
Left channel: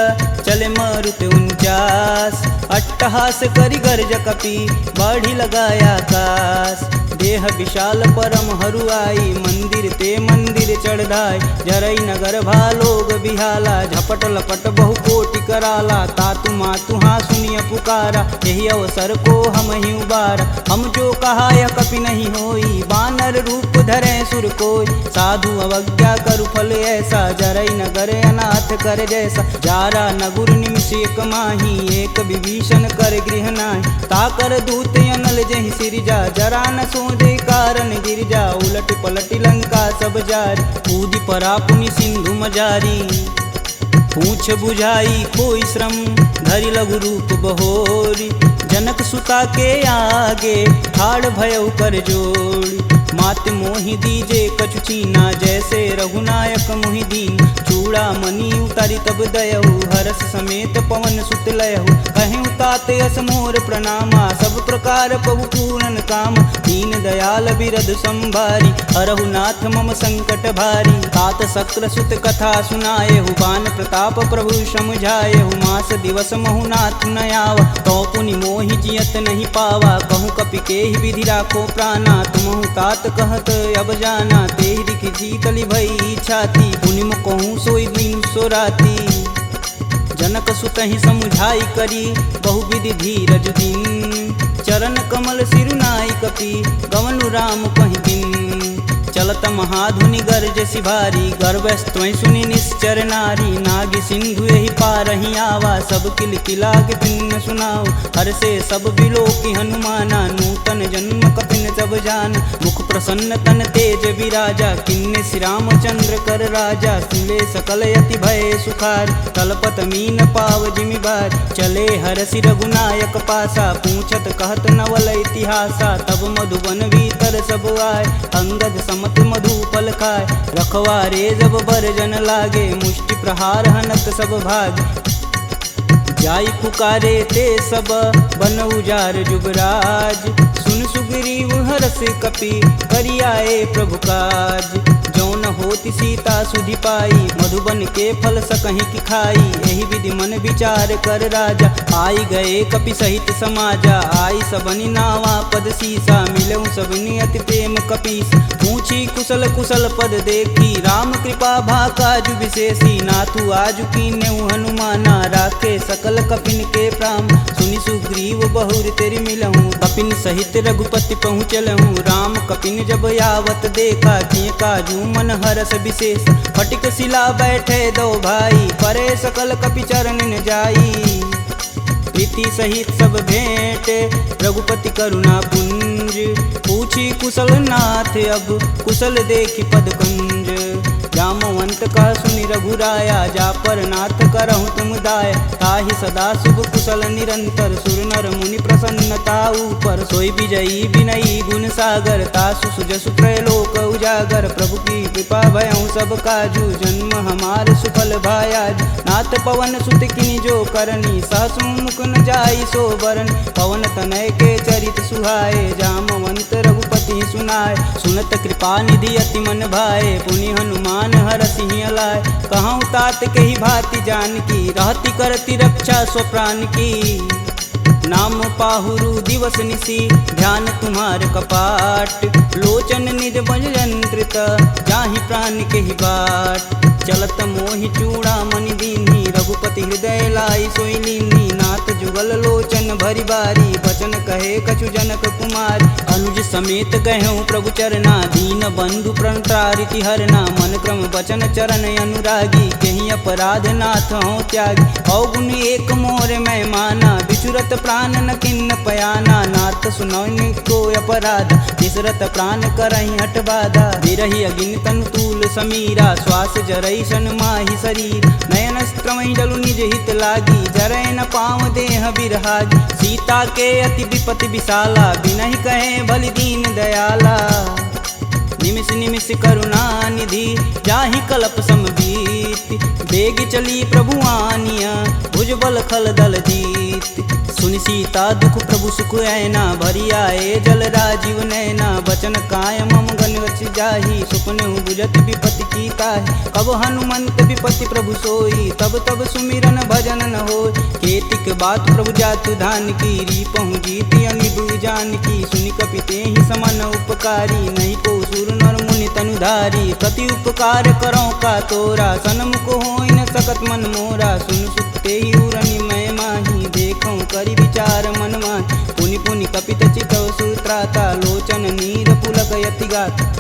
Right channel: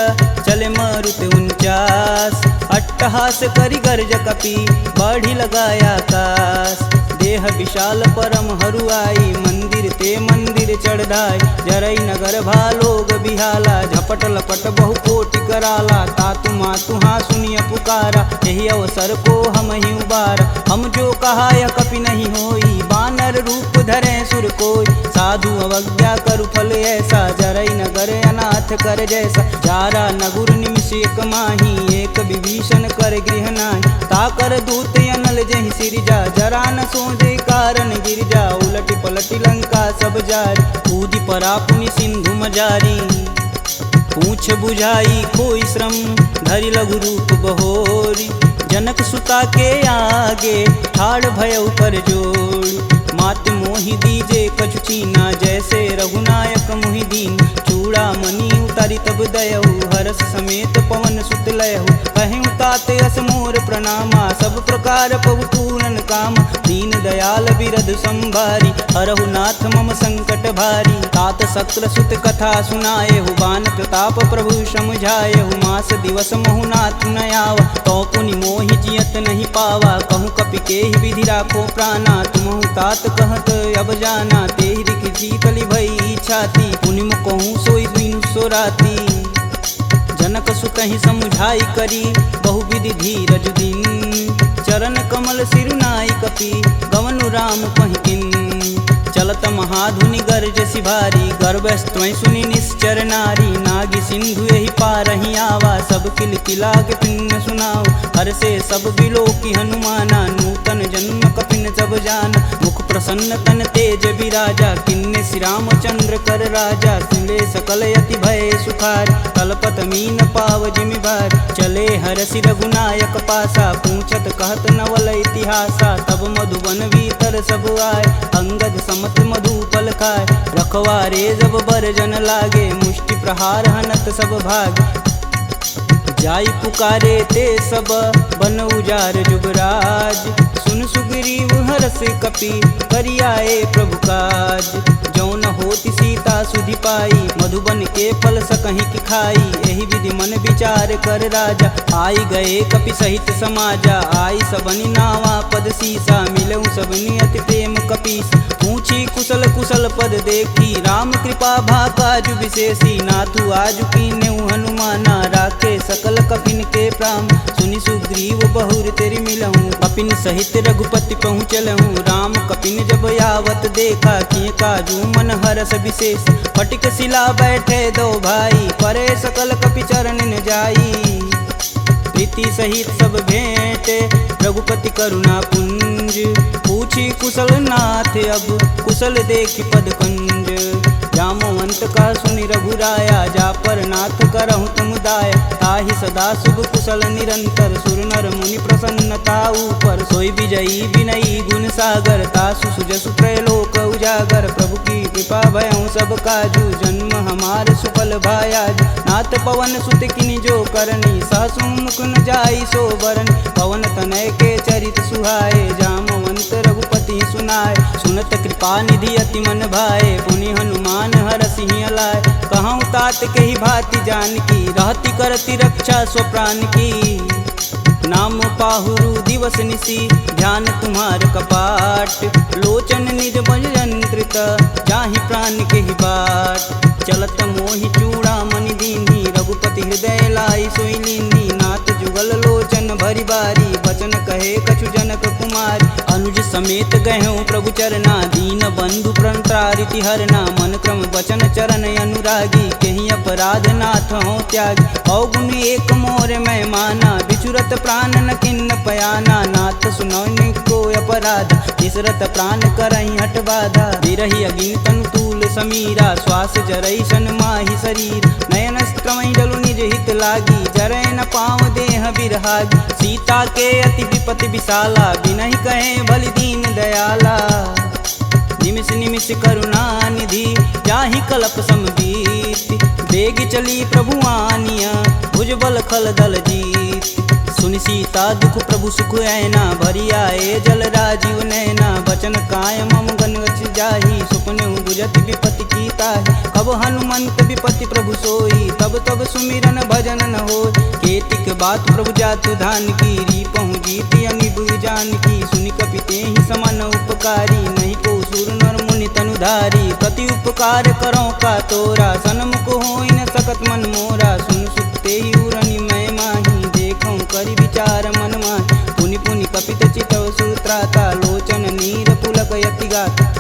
चले मारुत 49। अट्टहास करि गर्ज कपि, बाढ़ि लगाया आकाश। देह विशाल परम हरुआई, मंदिर ते मंदिर चढ़ाई। जरई नगर भालोग बिहाला, झपट लपट बहु कोटि कराला। तातु मातु हाँ सुनिय पुकारा, यही अवसर को हम ही उबारा। हम जो कहा यह कपि नहीं होई, बानर रूप धरे सुर कोई। साधु अवज्ञा करु फल ऐसा, जरई नगर अनाथ कर जैसा। जारा नगुर निमिष एक माही, एक विभीषण कर गृह नाहि। ताकर दूत अनल जहि सिरजा, जरा न सोजे कारण गिरजा। उलटि पलटि लंका सब जारी, कूदि परा पुनि सिंधु मजारी। पूछ बुझाई खोई श्रम, धरि लघु रूप बहोरी। जनक सुता के आगे, ठाड़ भयउ कर जोड़ी। मात मोहि दीजे कछु चीना, जैसे रघुनायक मोहि दीन। चूड़ा मणि उतारी तब दयहु, हरस समेत पवन सुत लयहु। कहें तात यस मोर प्रणामा, सब प्रकार प्रभु पूरन काम। दीन दयाल बिरध संभारी, हरहु नाथ मम संकट भारी। तात शक्र सुत कथा सुनाएहु, बान प्रताप प्रभु समझाएहु। मास दिवस महु नाथ न आवा, तो पुनि मोहि जियत नहीं पावा। कहूँ कपि केहि विधि राखो प्राणा, तुमहु तात कहत अब जाना। तेहि दिखि शीतलि भई छाती, पुनि कहूँ सोई दिन सो राती। जनक सुतहि समुझाई करी, बहुविधि धीरज दिन। चरण कमल सिरुनाई कपि, गवनु राम पहिकिन। चलत महाधुनि गर्ज सिभारी, गर्भस्त्वं सुनि निश्चर नारी। नागी सिंधु यही पारहि आवा, सब किल किला के पिन सुनाओ। हर से सब बिलोकि हनुमाना, नूतन जन्म कपिन सब जान। मुख प्रसन्न तन तेज विराजा, किन्ने श्री रामचंद्र कर राजा। सुले सकल यति भय सुखार, तलपत मीन पाव जिमि बार। चले हरसि रघुनायक पासा, पूछत कहत नवल इतिहासा। तब मधुबन भीतर सब आए, अंगद मत मधुपल खाए। रखवारे जब बरजन लागे, मुष्टि प्रहार हनत सब भाग। जाई पुकारे ते सब, बन उजार जुबराज। सुन सुग्रीव हरस कपि, करियाए प्रभु काज। जौन होति सीता सुधि पाई, मधुबन के फल सकहि की खाई। एहि विधि मन विचार कर राजा, आई गए कपि सहित समाजा। आई सबनि नावा पद सीसा, मिलऊँ सबनि अति प्रेम कपीस। पूछी कुशल कुशल पद देखी, राम कृपा भा काजु विशेषी। नाथु आजु कीन्हु हनुमाना, राखे सकल कपिन के प्राम। सुनि सुग्रीव बहुर तेरि मिलहूँ, कपिन सहित रघुपति पहुँचलहूँ। राम कपिन जब यावत देखा, किए काजू मन हरस विशेष। फटिक शिला बैठे दो भाई, परे सकल कपि चरण न जाई। प्रीति सहित सब भेंट, रघुपति करुणा पुंज। पूछी कुशल नाथ अब कुशल देखि पद कंज। जामवंत कह सुनि रघुराया जा पर नाथ करहु तुम दाया। ताहि सदा शुभ कुशल निरंतर सुर नर मुनि प्रसन्नता ऊपर। सोई विजयी विनयी गुण सागर तासु सुजसु त्रैलोक उजागर। प्रभु की कृपा भयउ सब काजू जन्म हमार सुफल भायाज। नाथ पवन सुत किनि जो करनी सहसु मुख न जाई सो बरन। पवन तनय के चरित सुहाए जामवंत रघुपति सुनाए। सुनत कृपा निधि अति मन भाए पुनि हनुमान हर सिंह लाए। कहूँ तात के ही भांति जान की रहती करती रक्षा स्वप्राण की। नाम पाहुरु दिवस निसी ध्यान तुम्हार कपाट। लोचन निज बज यंत्रित जाहि प्राण के ही बाट। चलत मोहि चूड़ा मनि दीन्ही रघुपति हृदय लाई सोई लीन्ही। नाथ जुगल लोचन भरी बारी बचन कहे कछु जनक कुमार। अनुज समेत गहूँ प्रभु चरना दीन बंधु प्रणतारिति हरना। मन क्रम बचन चरण अनुरागी कहीं अपराध नाथ हो त्यागी। अवगुण एक मोर मैं माना बिचुरत प्राण न किन्न पयाना। नाथ सुनौनि को अपराध निसरत प्राण करहि हठ बाधा। बिरहि अगिन तनु तूल समीरा श्वास जरई सन माहि शरीर। नयन स्त्रमहि जलु निज हित लागी जरै न पाँव देह बिरहागी। सीता के अति विपति विशाला बिनहि कहे बलि दीन दयाला। निमिष निमिष करुणा निधि जाहि कलप समबीत। बेग चली प्रभु आनिया भुजबल खल दल जीत। सुनि सीता दुख प्रभु सुख ऐना भरी आए जल राजीव नैना। बचन काय मम गन गच जाहि सुपने बुझत विपति की ताहि। कब हनुमंत विपति प्रभु सोई तब तब सुमिरन भजन न होय। केतिक बात प्रभु जातु धान की रीपहु जीति अनिब जान की। सुनि कपि तेहि समन उपकारी नहीं को सुर नर मुनि तनुधारी। प्रति उपकार करो का तोरा सनमुख होई न सकत मन मोरा। सुन सुते ही उरनि मैं माही देखऊँ करि विचार मन माहि। पुनि पुनि कपित चितव सुत्राता लोचन नीर पुलक यति गाता।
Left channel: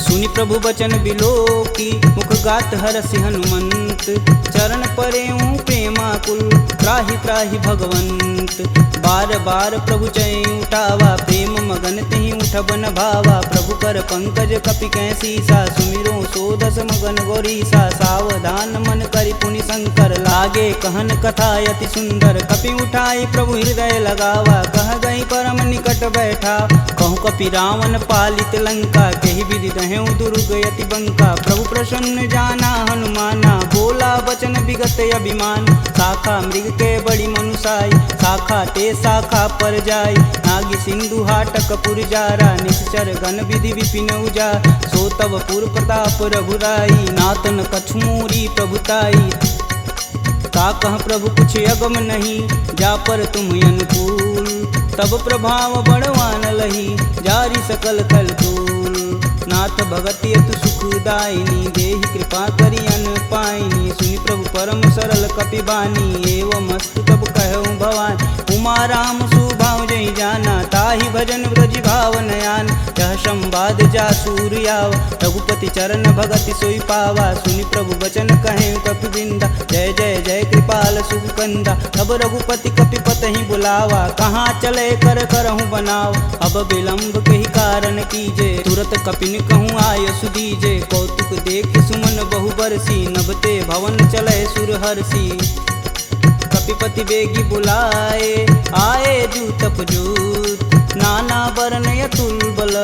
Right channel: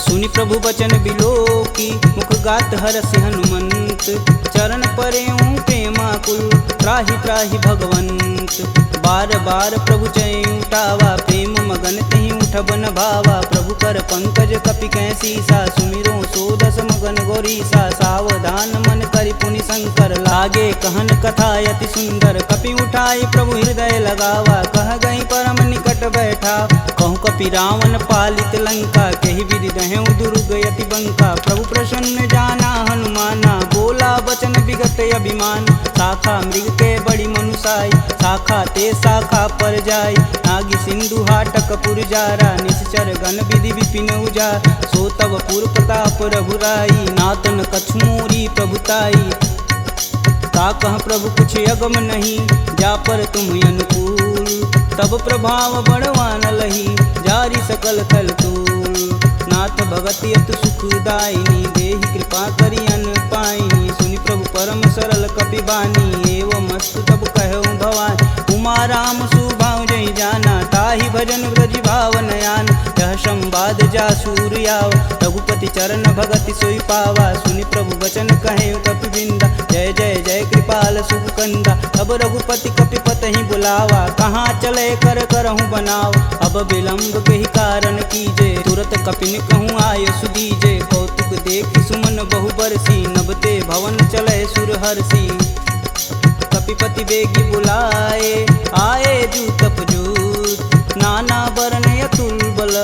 सुनि प्रभु बचन बिलोकी मुख गात हरसि हनुमंत। चरण परेऊँ प्रेमाकुल त्राहि त्राहि भगवंत। बार बार प्रभु चै उठावा प्रेम मगन तेहि उठब न भावा। प्रभु कर पंकज कपि कैसीसा सुमिरो सोदस मगन गौरीसा। सावधान मन करि पुनि शंकर लागे कहन कथा अति सुंदर। कपि उठाई प्रभु हृदय लगावा कह गई परम निकट बैठा। कहूँ कपि रावण पालित लंका केहि विधि दहें दुर्ग यति बंका। प्रभु प्रसन्न जाना हनुमाना बोला वचन विगत अभिमान। शाखा मृग के बड़ी मनुसाई शाखा ते शाखा पर जाई। नागी सिंधु हाटक पुर जारा निश्चर गण विधि विपिन उजा। सो तब पुर प्रताप रघुराई नातन कछुमूरी प्रभुताई। का कह प्रभु कुछ अगम नहीं जा पर तुम अनुकूल। तब प्रभाव बड़वान लही जारी सकल खल तूल। नाथ भगति अतु सुखदायिनी देहि कृपा करि अन पाइनी। सुनि प्रभु परम सरल कपि बानी एवं मस्तु तब कहऊँ भवानी। उमा राम सुभाव जहि जाना ताहि भजन ब्रज भाव नयान। यह संवाद जा सूर्याव रघुपति चरण भगति सोई पावा। सुनि प्रभु बचन कहें कपि बिंदा जय जय जय कृपाल सुख कंदा। अब रघुपति कपि पतहि बुलावा कहाँ चले कर करहूँ बनाव। अब विलंब के ही कारण कीजे तुरत कपिन कहूँ आय सुदीजे। कौतुक देख सुमन बहु बरसी नभते भवन चले सुर हर्षि। कपिपति बेगी बुलाए आए जूतप जूत। नाना वर्ण अतुल बल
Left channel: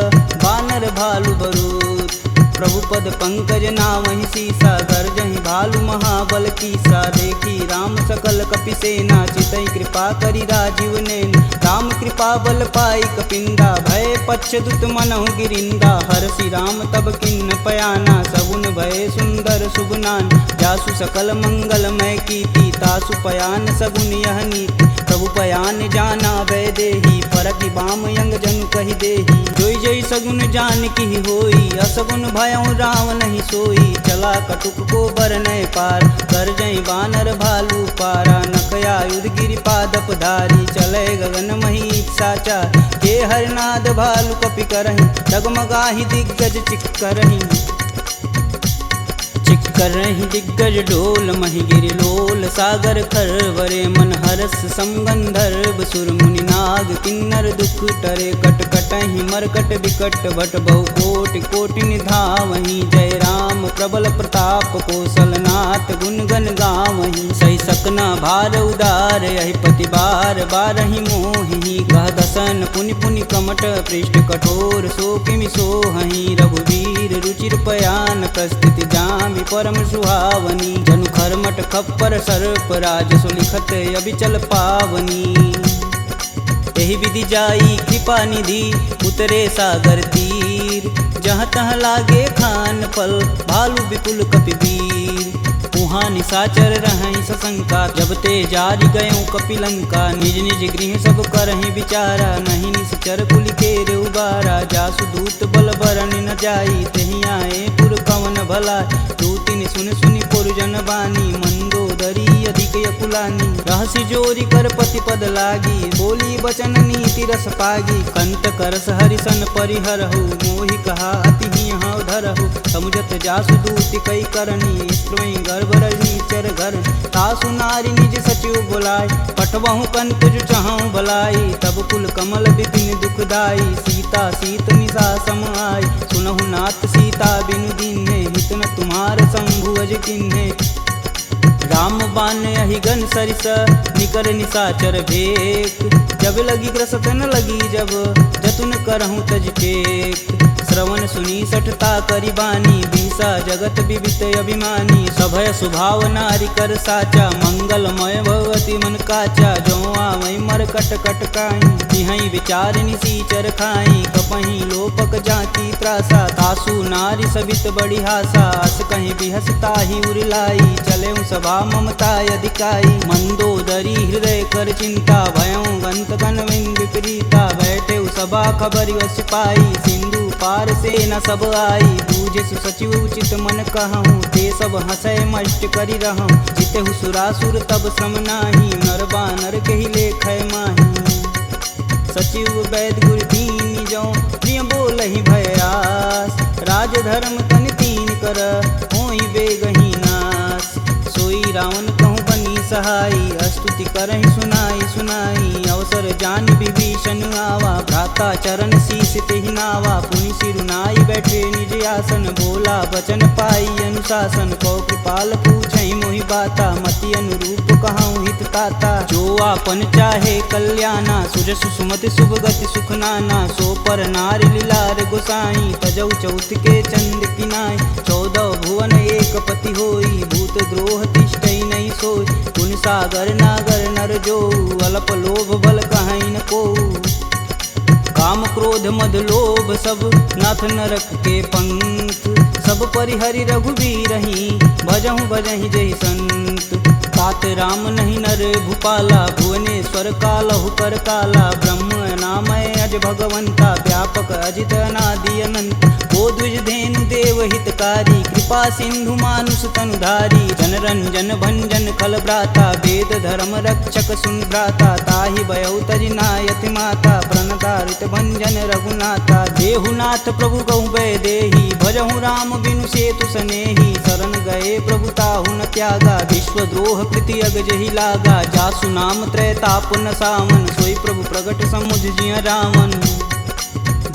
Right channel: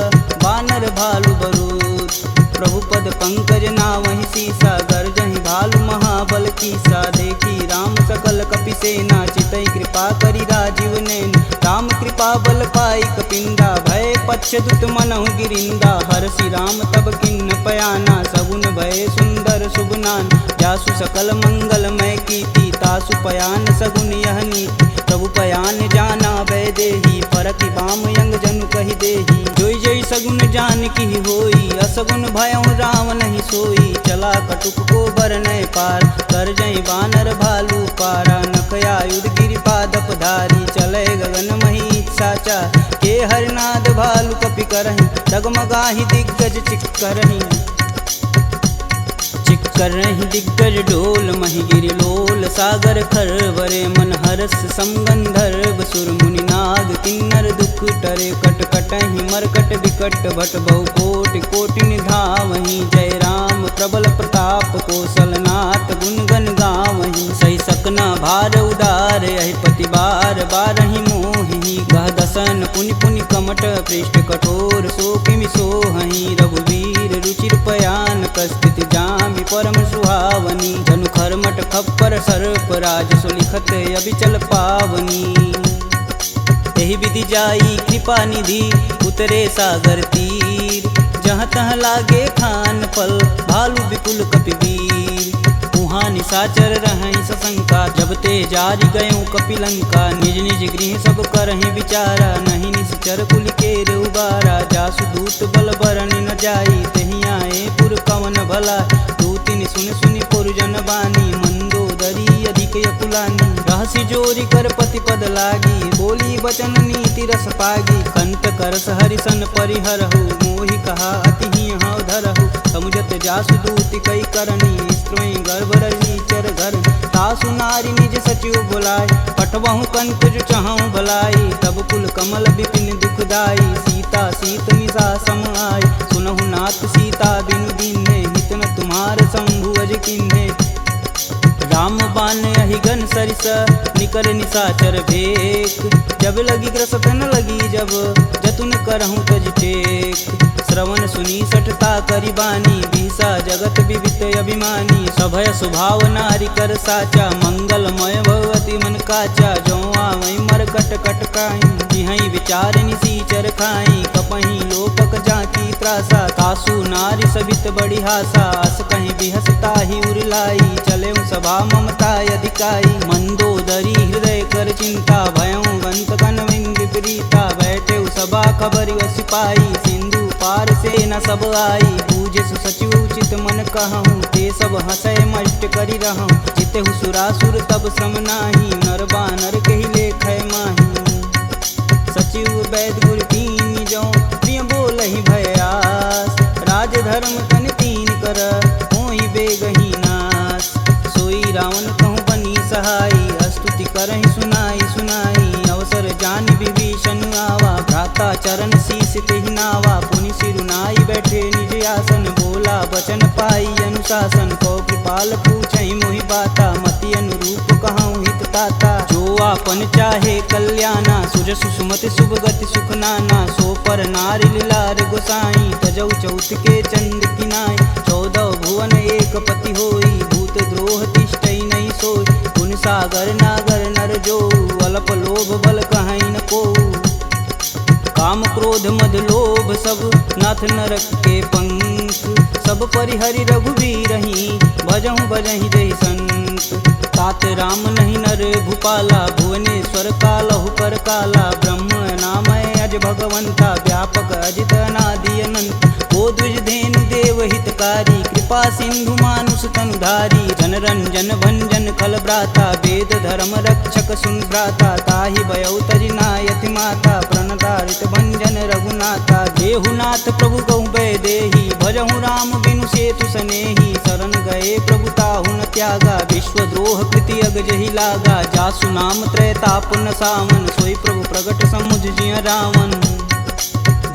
बानर भालु बरूत। प्रभु पद पंकज नावहि सीसा गर्जहि भालु महाबल कीसा। देखी राम सकल कपि सेना चितई कृपा करि राजीव नैन। राम कृपा बल पाई कपिंदा भय पश्चदुत मनहु गिरिंदा। हरसि राम तब किन्न पयाना सगुन भय सुंदर शुभनान। जासु सकल मंगलमय कीर्ति तासु पयान सगुन यह नीति। प्रभु पयान जाना भय देही फरकि बाम यंग जनु कहि देही। जोई जोई सगुन जान की होई असगुन भयउ राम नहीं सोई। चला कटुक को बरनय पार कर जई बानर भालू पारा। नखया युध गिरि पादप धारी चले गगन मही साचा। के हरनाद भालू कपि करहि डगमगाहि दिग्गज चिक करहि। चिक कर रही दिग्गज डोल महिगिरि लोल सागर खरवरे मन हरस समगंधर्व सुर मुनि नाग किन्नर दुख टरे कट कटहि मरकट विकट भट बहु कोटि कोटि निधावहि जय राम प्रबल प्रताप कौशलनाथ गुण गण गावहि सही सकना भार उदार यही पति बार बारहि मोहि गह दसन पुनि पुनि कमट पृष्ठ कठोर सो किमि सोहहि रघुवीर रुचिर पयान प्रस्थिति जामि परम सुहावनी जनु खरमट खप्पर सर्प राजसु लिखत अबिचल पावनी एहि विधि जाई कृपा निधि उतरे सागर तीर जहाँ तहाँ लागे खान फल भालू विपुल कपिवीर उहाँ निशाचर रहहि सशंका जब ते जारि गयों कपिलंका निज निज गृह सब करहि विचारा नहीं निश्चर कुलिकेर उबारा जासु दूत बल बरनि न जाई तेहि आए पुर कवन भला दूतिन सुन सुनि पुरजन बानी मंदोदरी अधिक यकुलानी रहसि जोरी कर पति पद लागी बोली बचन नीति रस पागी कंत करस हरिसन परिहरहु मोहि कहा अति ही हव धरहु समुझत जासु दूति कई करनी स्त्रोई गर्भ रजनी चर घर तासु नारी निज सचिव बुलाय पठबहु कंत जो चाहूं भलाई तब कुल कमल विपिन दुखदाई सीता सीत निशा सम आय सुनहु नाथ सीता बिनु दीन्हे हित न तुम्हार शंभु अज किन्हे राम बान अहिगन सरिस निकर निशाचर भेक जब लगी ग्रसत न लगी जब जतुन करहूँ तज टेक श्रवण सुनी सठता करी बानी बिहसा जगत विवित अभिमानी सभय स्वभाव नारी कर साचा मंगलमय भगवती मन काचा जो आवई मर कट कट काई तिहई विचार निसीचर खाई कपही लोपक जाकी त्रासा तासु नारी सबित बड़ी हासा अस कहीं बिहसता ही उरलाई चले सभा ममता अधिकाई मंदोदरी हृदय कर चिंता भयं गंत कनविंद विपरीता बैठे सभा खबर सिपाही सिंधु पार से न सब आई बूझे सचिव उचित मन कहूँ ते सब हंसय मष्ट करी रहूँ जिते सुरासुर तब श्रम नाही नर बानर के ही लेख माही सचिव वैद गुर तीन जो प्रिय बोल ही भयास राज धर्म तन तीन कर होई बेगही नास सोई रावण कहूँ बनी सहाई स्तुति करहि सुनाई सुनाई अवसर जान विभीषण आवा भ्राता चरण शीस तेहि नावा पुनि सिरुनाई बैठे निज आसन बोला बचन पाई अनुशासन कौ कृपाल पूछहि मोहि बाता मति अनुरूप कहूँ हित ताता जो आपन चाहे कल्याणा सुजसु सुमति शुभ गति सुख नाना सो पर नारी लीलार गोसाई तजौ चौथ के चंद किनाय 14 भुवन एक पति होई भूत द्रोह तिष्ठई नहीं सोई गुण सागर नागर नर जो अल्प लोभ बल कहीं न को काम क्रोध मद लोभ सब नाथ नरक के पंख सब परिहरि रघुवीरहि भजहु भजहि जहि संत तात राम नहीं नर भूपाला भुवनेश्वर कालहु कर काला ब्रह्म नामय अज भगवंता व्यापक अजित अनादि अनंत को द्विज धेनु देव हितकारी कृपा सिंधु मानुष तनुधारी जन रंजन भंजन खल भ्राता वेद धर्म रक्षक सुन भ्राता ताहि भयउ तजि नायति माता प्रणतारित भंजन रघुनाथा देहुनाथ प्रभु कहु भय देहि भजहु राम बिनु सेतु सनेहि शरण गए प्रभु ताहु न त्यागा विश्वद्रोह कृति अगजहि लागा जासु नाम त्रैताप न सावन सोई प्रभु प्रगट समुझ जिय रावण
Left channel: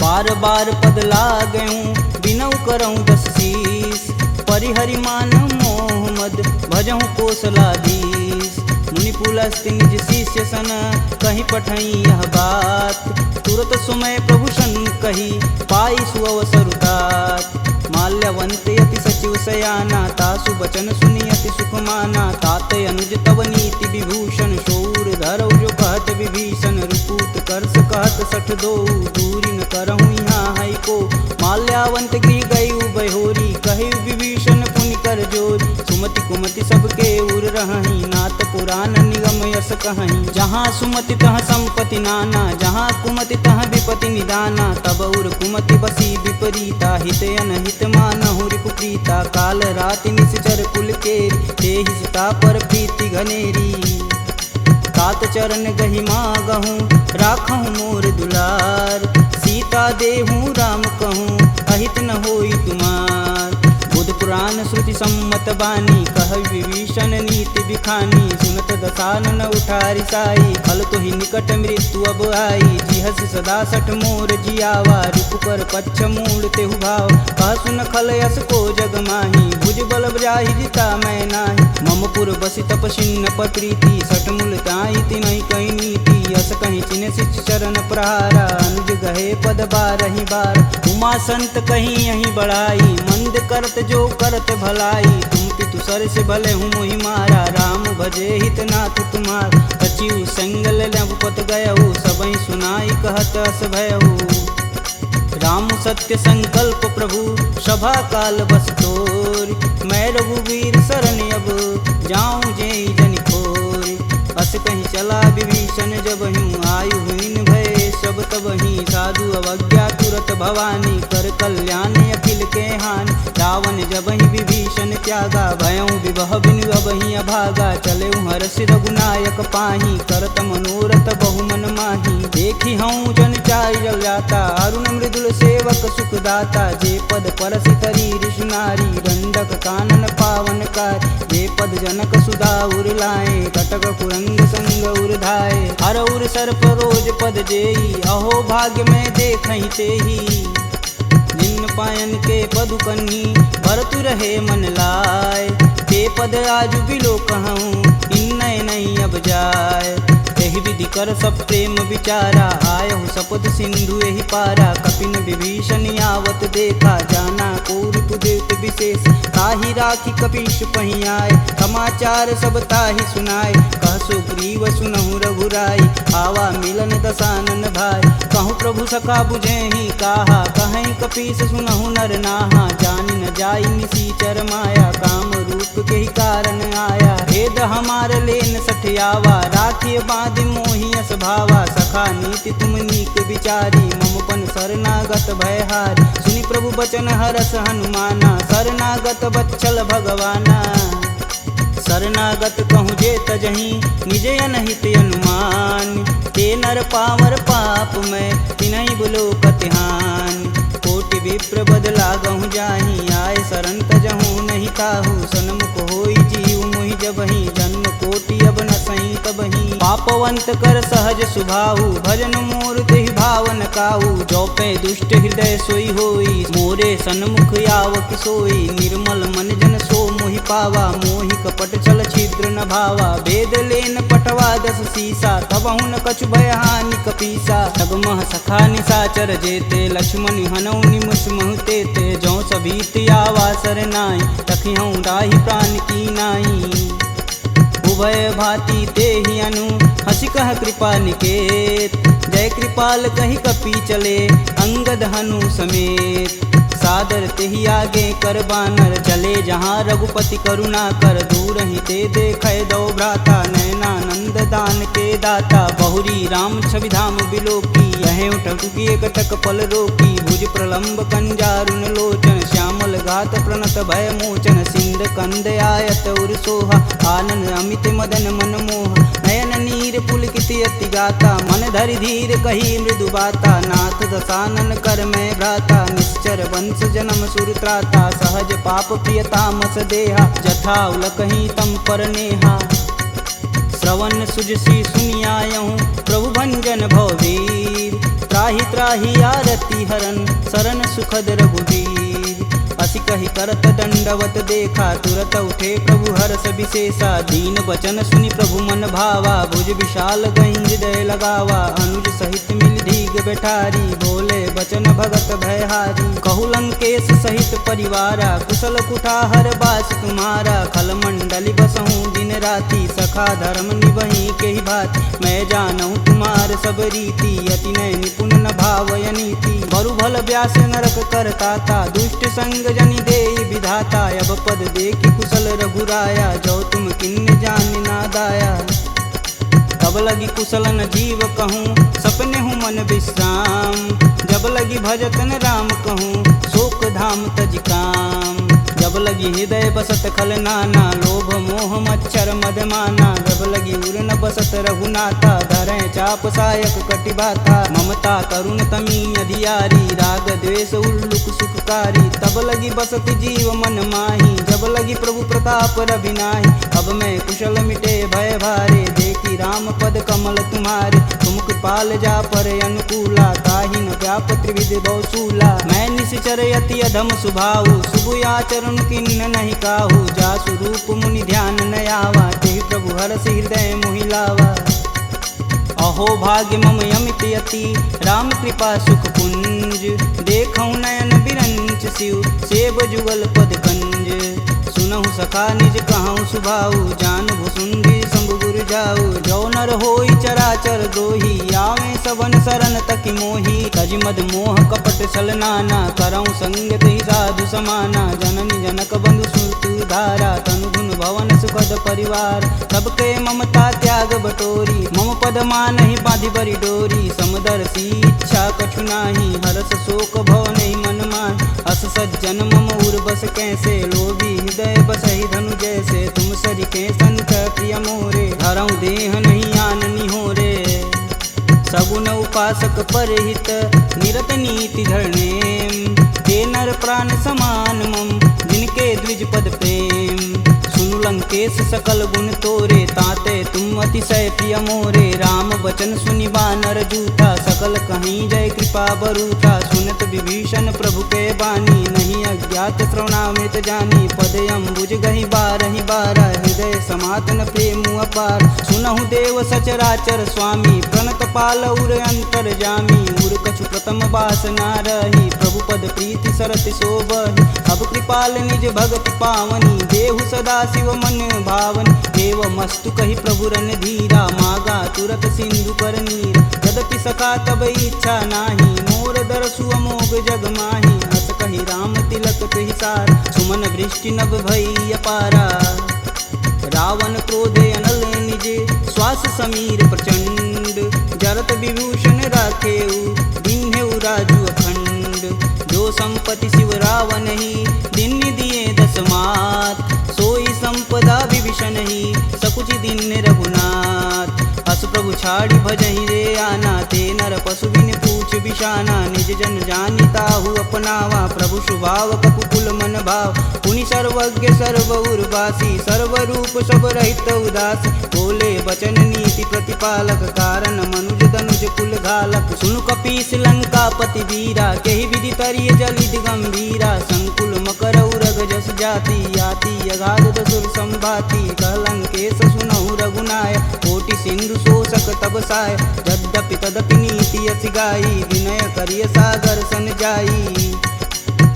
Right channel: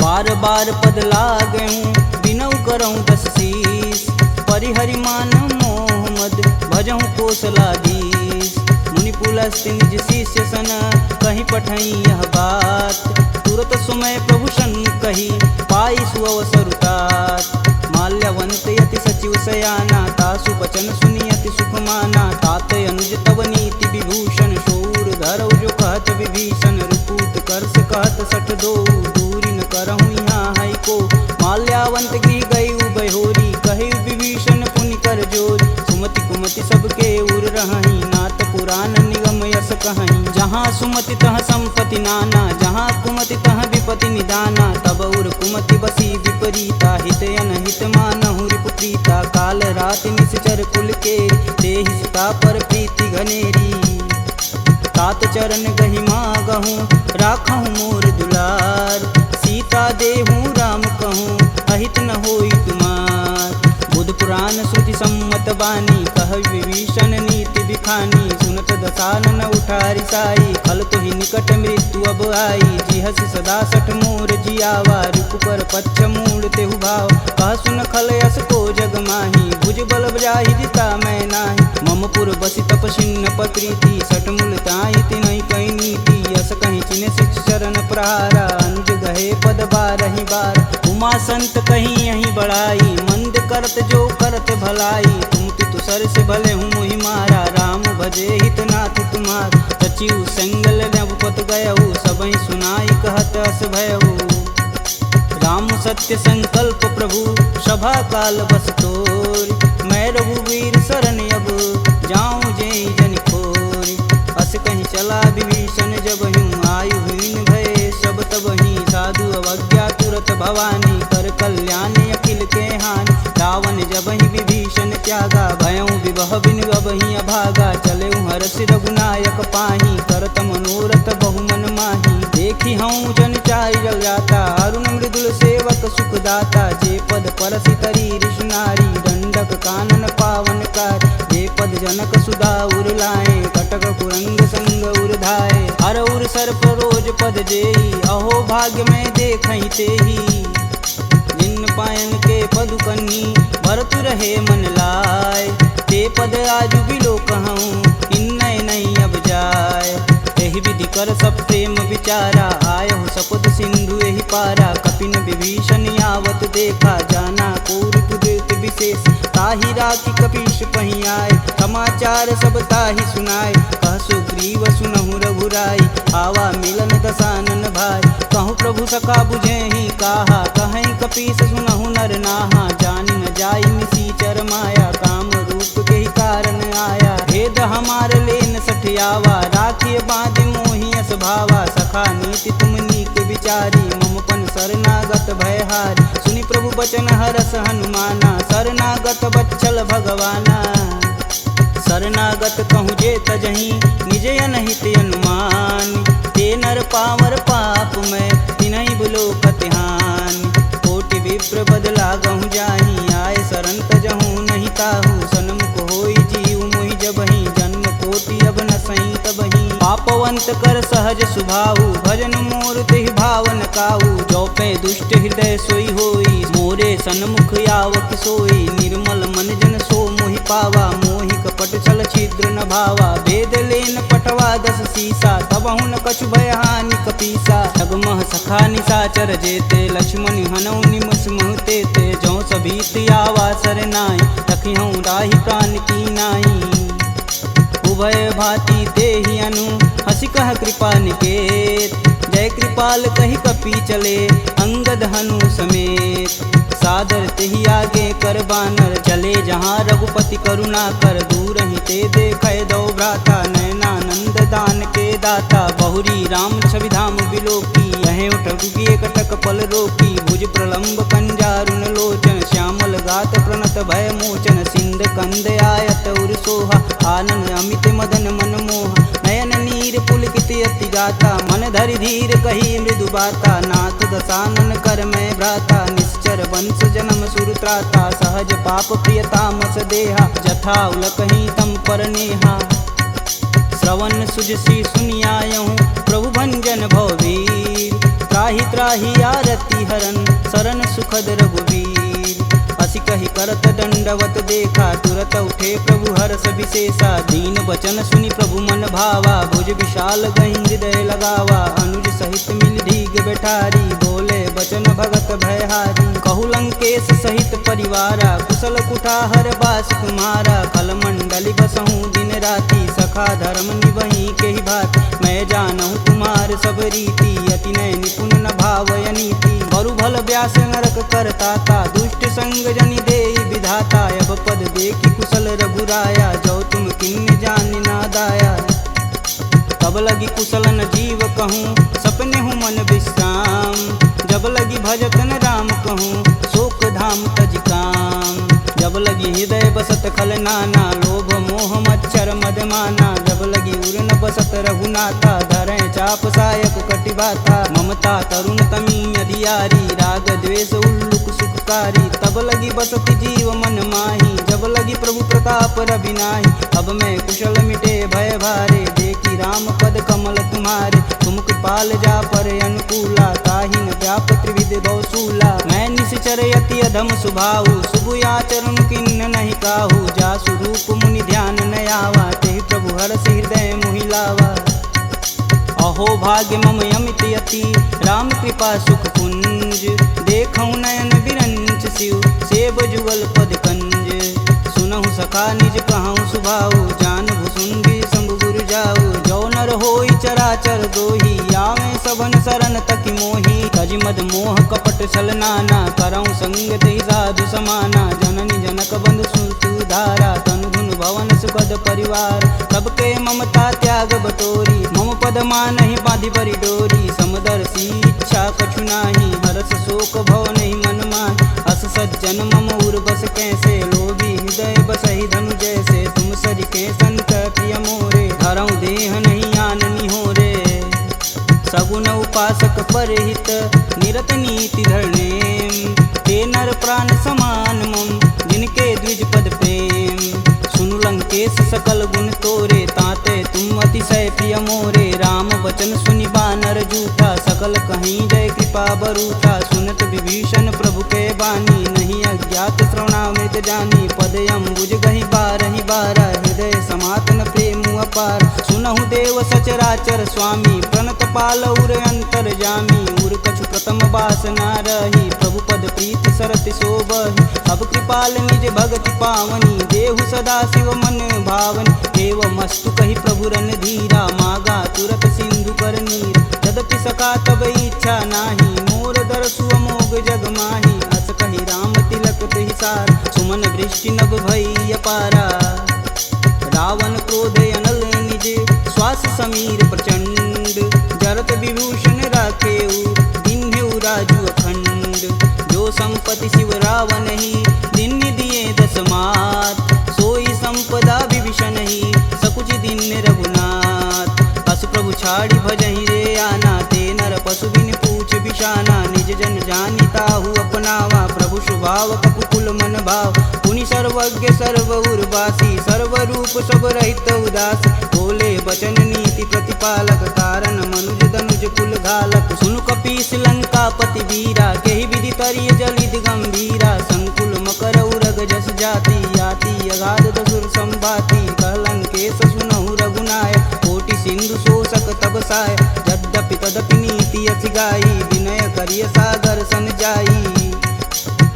बार बार पद लागऊं बिनऊ करऊं 10 शीस परिहरि मान मोह मद भजहु कौशलाधीश मुनि पुलस्त निज शिष्य सन कहीं पठई यह बात तुरत सुमय प्रभु सन कही पाई सुअवसरुतात माल्यवंत यति सचिव सयाना तासु बचन सुनियति सुख माना तात अनुज तव नीति विभूषण शौर धरौ जो कहत विभीषण रुपूत करस कहत सठ दो दूरी न करहु यहाँ है को माल्यावंत गृह गई बहोरी कहे विभीषण पुनि कर जोरी सुमति कुमति सबके उर रही नाथ पुराण निगम यस कहीं जहाँ सुमति तह संपत्ति नाना जहाँ कुमति तह विपति निदाना तब उर कुमति बसी विपरीता हित अनहित मानहु रिपुप्रीता काल राति निश्चर कुल केरी देहि सीता पर प्रीति घनेरी तात चरण गहि मागहूँ राखहूँ मोर दुलार सीता देहूँ राम कहूँ अहित न होई तुमार बुध पुराण श्रुति सम्मत बानी, कह विभीषण नीति बिखानी। सुनत दसानन उठारी साई, खल तो ही निकट मृत्यु अब आई। जिहसि सदा सठ मोर जियावा, रिपुकर पच्छ मूड तेहु भाव। कह सुन खल यस को जग माही, भुज बल जाहि जिता मैं नाही। मम पुर बसि तपसिन्न पर प्रीति, सठ मूल ताहि तिनहि कही नीति। यस कहीं चिन्ह शिष चरण प्रहारा, अनुज गहे पद बारहि बार। उमा संत कहीं यहीं बढ़ाई, मंद करत जो करत भलाई। तुम पितु सर से भले हूँ मोहि मारा, राम भजे हित नाथ तुम्हार। सचिव संगल नवपत गयहु, सबहि सुनाई कहत अस भयहु। राम सत्य संकल्प प्रभु, सभा काल बस तोरि। मैं रघुवीर शरण अब, जाऊं जेहि जनि खोरि। अस कहीं चला विभीषण जब हूँ, आयुहीन भय सब तब ही। साधु अवज्ञा तुरत भवानी, कर कल्याण अखिल के हानि। रावण जब ही विभीषण त्यागा, भयऊँ विवह बिनु अब ही अभागा। चले हरष रघुनायक पाही, करत मनोरथ बहु मन माही। देखी हूँ जन चारि जल जाता, अरुण मृदुल सेवक सुखदाता। जे पद परसि तरी ऋषि नारी, दंडक कानन पावन कार। जे पद जनक सुधा उर लाए, कटक कुरंग संग उर धाये। हर उर सर्प रोज पद जेई, अहो भाग्य में देखहि तेहि। जिन पायन के पदु कन्ही, भरतु रहे मन लाय। ते पद आजु बिलो कहूँ, इन्नय नहीं अब जाय। एहि विधि कर सब प्रेम विचारा, आयहु सपद सिंधु एहि पारा। कपिन विभीषण आवत देखा, जाना कौरव देत विशेष। ताहि राखी कपीश पहि आए, समाचार सब ताहि सुनाए। कह सुग्रीव सुनहु रघुराई, आवा मिलन दसानन भाई। कहूँ प्रभु सखा बुझेहि काहा, कहीं कपीस सुनहु नर नाहा। जानि न जाई निसीचर माया, काम रूप के ही कारण आया। भेद हमार लेन सठियावा, राखिय बांधि मोहि अस भावा। सखा नीति तुम नीक विचारी, मम पन शरणागत भयहारी। सुनि प्रभु बचन हरस हनुमाना, शरणागत बच्चल भगवाना। शरणागत कहूँ जे तजहि, निज अनहित अनुमान। ते नर पावर पाप में, तिन्हि बुलो कतिहान। कोटि विप्र बदला गहूँ जाहि, आय शरण तजहूँ नहीं ताहू। सन्मुख होई जीव मोहि जबहि, जन्म कोटि अब न सही तबहि। पापवंत कर सहज सुभाहु, भजन मोर तेहि भावन काहू। जो पे दुष्ट हृदय सोई होई, मोरे सन्मुख आव किसोई। निर्मल मन जन सो मोहि पावा, मोहि कपट छल छिद्र न भावा। भेद लेन पटवा दस सीसा, तबहु न कछु भय हानि कपीसा। जगमह सखा निशाचर जेते, लक्ष्मण हनौ निमस महते ते। जौ सभीत आवा सरनाई, तखिहूँ राहि प्राण की नाई। उभय भांति ते ही अनु, हंसी कह कृपा निकेत। जय कृपाल कही कपी चले, अंगद हनु समेत। सादर तेहि आगे कर बानर, चले जहाँ रघुपति करुणा कर। दूर ही ते देखे दो भ्राता, नयनानंद दान के दाता। बहुरी राम छवि धाम बिलोकी, यह उठुकी कटक पल रोकी। भुज प्रलंब कंजारुन लोचन, श्यामल गात प्रणत भय मोचन। सिंध कंद आयत उर सोहा, आनन अमित मदन मन मोह। नयन नीर पुलकित अति गाता, मन धरि धीर कही मृदु बाता। नाथ दसानन कर मैं भ्राता, निश्चर वंश जन्म सुर त्राता। सहज पाप प्रियतामस देहा, जथा उलकहि तम पर नेहा। श्रवण सुजसी सुनियायहूँ, प्रभु भंजन भववीर। त्राहि त्राहि आरती हरन, शरण सुखद रघुवीर। असी कही करत दंडवत देखा, तुरत उठे प्रभु हर्ष विशेषा। दीन वचन सुनि प्रभु मन भावा, भुज विशाल गहि हृदय लगावा। अनुज सहित मिल धीग बैठारी, बोले बचन भगत भयहारी। कहु लंकेश सहित परिवारा, कुशल कुठाहर बास तुम्हारा। खल मंडली बसहूँ दिन राति, सखा धर्म निबहि के ही भात। मैं जानहूँ तुम्हार सब रीति, अति नय निपुण न भावय नीति। बरु भल व्यास नरक करताता, दुष्ट संग जनि देई विधाता। अब पद देखि कुशल रघुराया, जो तुम किन्ने जान ना दाया। तब लगी कुशल न जीव कहूँ, सपने हूँ मन विश्राम। जब लगी भजतन राम कहूँ, शोक धाम तज काम। जब लगी हृदय बसत खल नाना, लोभ मोह मच्छर मदमाना। जब लगी उर न बसत रघुनाथा, धरें चाप सायक कटिबाथा। ममता तरुण तमी अधियारी, राग द्वेष उल्लुक सुखकारी। तब लगी बसत जीव मन माही, जब लगी प्रभु प्रताप रविनाही। अब मैं कुशल मिटे भय भारे, देखी राम पद कमल तुम्हारे। तुम कृपाल जा पर अनुकूला, ताहि न व्याप त्रिविध बहुसूला। मैं निश्चर यति अधम सुभाऊ, शुभ आचरण किन्न नहीं काहू। जासु रूप मुनि ध्यान न आवा, तेहि प्रभु हरषि हृदय मोहि लावा। अहो भाग्य मम यमित यति, राम कृपा सुख कुंज। देखऊँ नयन बिरंच शिव, सेब जुगल पद कंज। सुनहु सखा निज कहूँ सुभाऊ, जान भुसुंडी शंभु गुरु जाऊ। जो नर होई चराचर द्रोही, आवे सबन शरण तकि मोही। तज मद मोह कपट छल नाना, करऊँ संगत ही साधु समाना। जननी जनक बंधु सुत धारा, तनु धुन भवन सुखद परिवार। सबके ममता त्याग बटोरी, मम पद मानहि बांधि बरी डोरी। समदर्शी इच्छा कछु नाही, हरस शोक भव नहीं मन माहि। अस सज्जन मम उर बस कैसे, लोभी हृदय बसहि धनु जैसे। तुम सरिके संत प्रिय मोरे, धरऊँ देह नहीं आननी हो रे। सगुन उपासक परहित, निरत नीति धरनेम। ते नर प्राण समान मम, जिनके द्विज पद प्रेम। सुनु लंकेश सकल गुण तोरे, ताते तुम अतिशय प्रिय मोरे। राम बचन सुनि बानर जूठा, सकल कहीं जय कृपा बरूठा। सुनत विभीषण प्रभु के बानी, नहीं अज्ञात श्रवणामृत जानी। पद अम्बुज गहि बारहि बारा, हृदय समातन प्रेम अपार। सुनहु देव सचराचर स्वामी, प्रणत पाल उर अंतर जामी। उर कछु प्रथम बास ना रही, प्रभु पद प्रीति सरत शोभहि। अब कृपाल निज भगति पावनी, देहु सदा शिव मन भावनी। एवं मस्तु कही प्रभु रन धीरा, मागा तुरत सिंधु कर नीर। यद्यपि सखा तब इच्छा नाही, मोर दरसु अमोघ जग माही। अस कही राम तिलक तुहि सार, सुमन वृष्टि नभ भई अपारा। रावण क्रोधे अनल निज, श्वास समीर प्रचंड। जरत विभूषण राखेऊ, दिन्हेऊ राजु अखंड। जो संपत्ति शिव रावण ही, दिन दिए दस मात। सोई संपदा विभीषण ही, सकुच दिन रघुनाथ। अस प्रभु छाड़ी भजहि रे आना, ते नर पशु बिन पूछ बिशाना। निज जन जानि ताहु अपनावा, प्रभु स्वभाव कपुकुल मन भाव। पुनि सर्वज्ञ सर्व उर्वासी, सर्वरूप सब रहित उदासी। बोले बचन नीति प्रतिपालक, कारण मनुज धनुज कुल घालक। सुनु कपीस लंकापति वीरा, केहि विधि तरिय जलिद गंभीरा। संकुल मकर उरग जस जाति, याति अगाध दसुर संभाति। कह लंकेश सुनहु रघुनाय, कोटि सिंधु शोषक तब साय। यद्यपि तदपि नीति यस गाई, विनय करिय सागर सन जाई।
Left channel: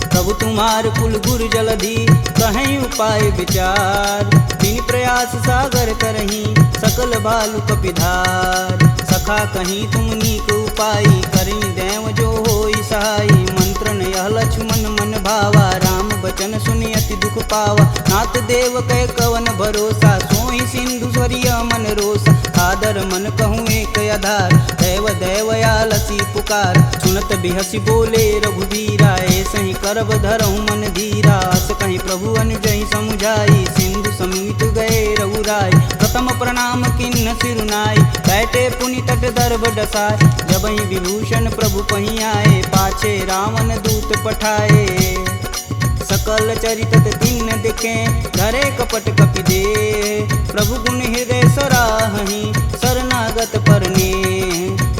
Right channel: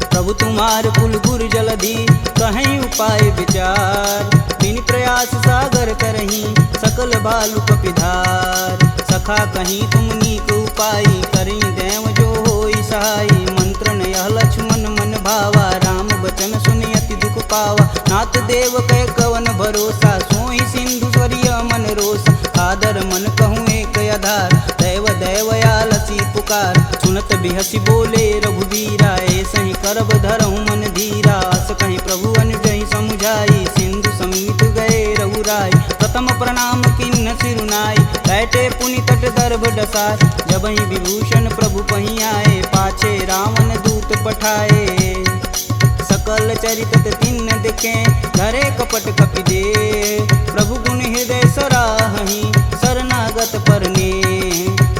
प्रभु तुम्हार कुल गुर जलधि, कहीं उपाय विचार। बिन प्रयास सागर तरही, सकल बालु कपिधार। सखा कहीं तुम नीक उपाय, करी देव जो होई सहाई। मंत्र न यह लक्ष्मण मन भावा, राम बचन सुनि अति दुख पावा। नाथ देव कह कवन भरोसा, सोई सिंधु स्वरिय मन रोसा। सादर मन कहूँ एक आधार, दैव दैवयालसी पुकार। सुनत बिहसी बोले रघुबीरा, ऐसे ही करब धरहु मन धीरा। अस कहीं प्रभु अनुजहि समुझाई, सिंधु समीत गए रघुराय। प्रथम प्रणाम किन्न सिरुनाई, बैठे पुनि तट दर्भ डसाय। जब ही विभूषण प्रभु पही आए, पाछे रावण दूत पठाए। सकल चरितत तिन्न दिखे, धरे कपट कपि दे। प्रभु गुण हृदय सराहहि, शरणागत परने।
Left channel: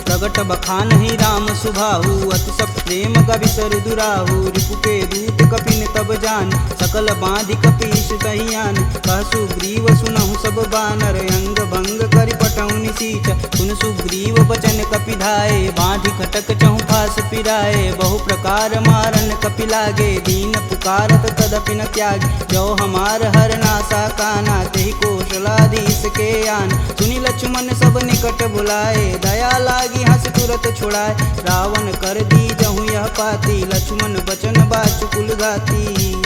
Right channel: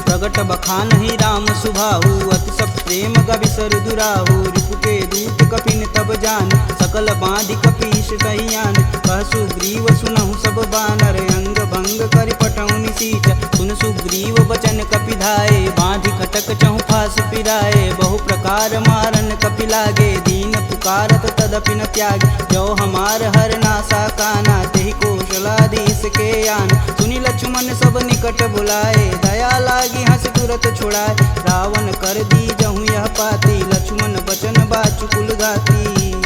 प्रगट बखानहि राम सुभाहु, अति सब प्रेम गविसर दुराहु। रिपु के दूत कपिन तब जान, सकल बांधि कपीश तहियान। कह सुग्रीव सुनहु सब बानर, अंग भंग करि पठौनि निसीच। सुन सुग्रीव बचन कपि धाये, बांधि खटक चहु फास पिराए। बहु प्रकार मारन कपि लागे, दीन पुकारत तदपि न त्यागे। जो हमार हर नासा काना, तेहि कौशलाधीश के आन। सुनि लक्ष्मण सब निकट बुलाए, दया लागी हंस तुरत छुड़ाए। रावण कर दी जहु यह पाती, लक्ष्मण बचन बाचु कुल घाती।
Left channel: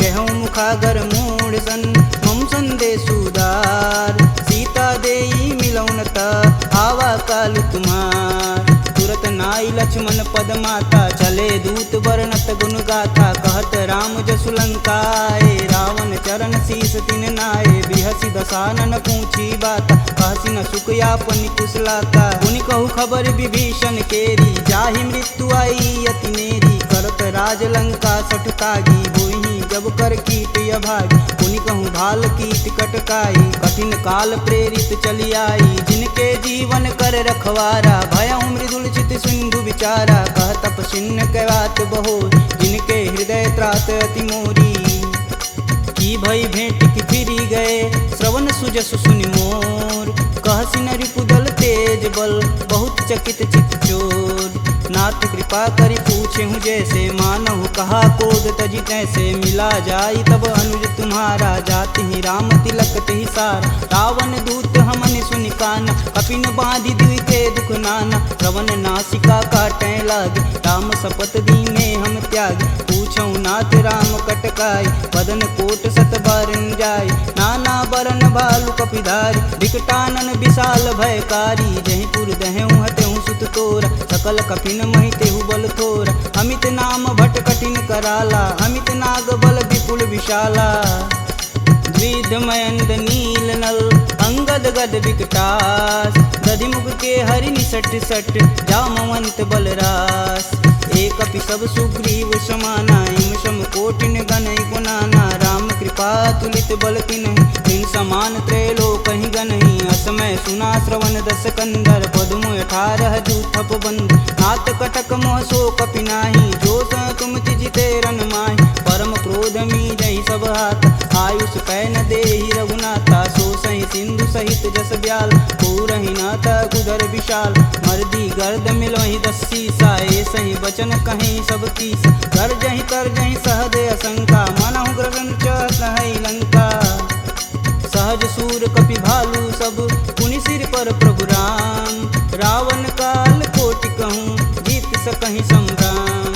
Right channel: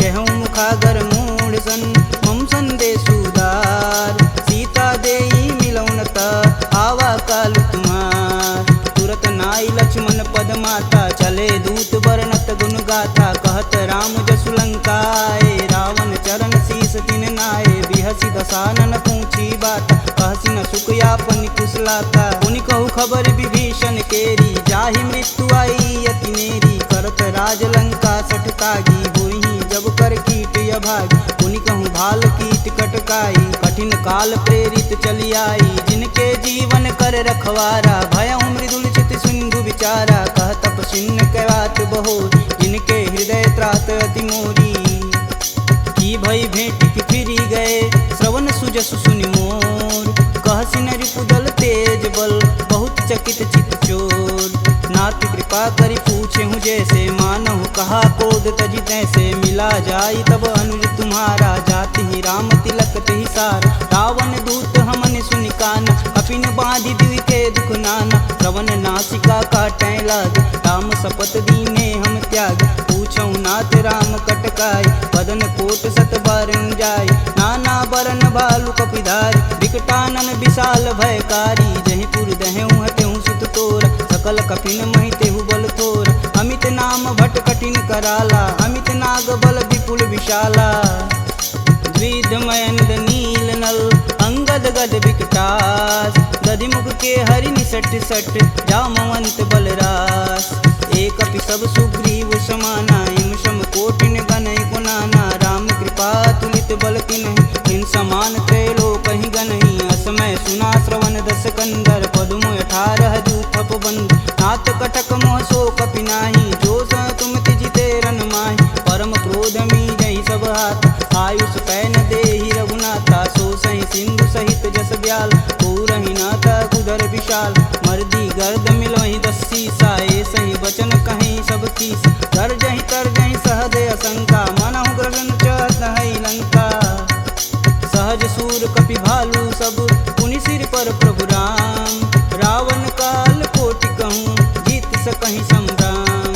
कहूँ मुखागर मूढ़ सन, मम संदेश उदार। सीता देई मिलौन त, आवा कालु तुम्हार। तुरत नाई लक्ष्मण पद माता, चले दूत बरनत गुण गाथा। कहत राम जसु लंकाए, रावण चरण शीस तिन नाये। बिहसी दसानन पूछी बात, कहसी न सुख यापन कुशलाता। पुनि कहु खबर विभीषण केरी, जाहि मृत्यु आई अति नेरी। करत राज लंका सठ तागी, होहि जब कर कीट अभागी। पुनि कहूँ भाल कीट कटकाई, कठिन काल प्रेरित चली आई। जिनके जीवन कर रखवारा, भयउ मृदुल चित सिंधु विचारा। कह तपसिन्न कै बात बहो, जिनके हृदय त्रात अति मोरी। की भई भेंट की फिरी गए, श्रवण सुजसु सुनि मोर। कहसी न रिपुदल तेज बल, बहुत चकित चित चोर। नाथ कृपा करि पूछे हूँ जैसे, मानहु कहा क्रोध तजि तैसे। मिला जाई तब अनुज तुम्हारा, जाति ही राम तिलक तेहि सार। रावण दूत हमन सुनि काना, कपिन बांधि दिवि के दुख नाना। श्रवण नासिका काटै लागे, राम शपथ दीने हम त्यागे। पूछौ नाथ राम कटकाई, बदन कोट सत बारन जाय। नाना बरन भालु कपिधारी, विकटानन विशाल भयकारी। जहीं पुर दहेउ हटेउ सुत तोरा, सकल कपिन महि तेहु बल थोरा। अमित नाम भट कठिन कराला, अमित नाग बल विपुल विशाला। द्विध मयंद नील नल, अंगद गद विकटास। दधिमुख के हरि निसट सट, जामवंत बलरास। एक अपि सब सुग्रीव समाना, इम सम कोटिन गनहि गुनाना। राम कृपा तुलित बल तिन्हि, तिन समान त्रैलोकहि गनहि। असमय सुना श्रवण दस कंदर, पदुम 18 जूथप बंद। नाथ कटक मोह सो कपि नाही, जो स तुम तिजिते रन माहि। परम क्रोध मीजहि सब हाथ, आयुष पै न देहि रघुनाथा। सो सहि सिंधु सहित जस ब्याल, पूरहि नाथा कुधर विशाल। मर्दी गर्द मिलहि 10 सीसा, सही बचन कहीं सब कीस। गर्जहि तरजहि सहदे असंका, मनहु ग्रसन चहत है लंका। सहज सूर कपि भालू सब, पुनि सिर पर प्रभु राम। रावण काल कोटि कहूँ, जीत सकहि संग्राम।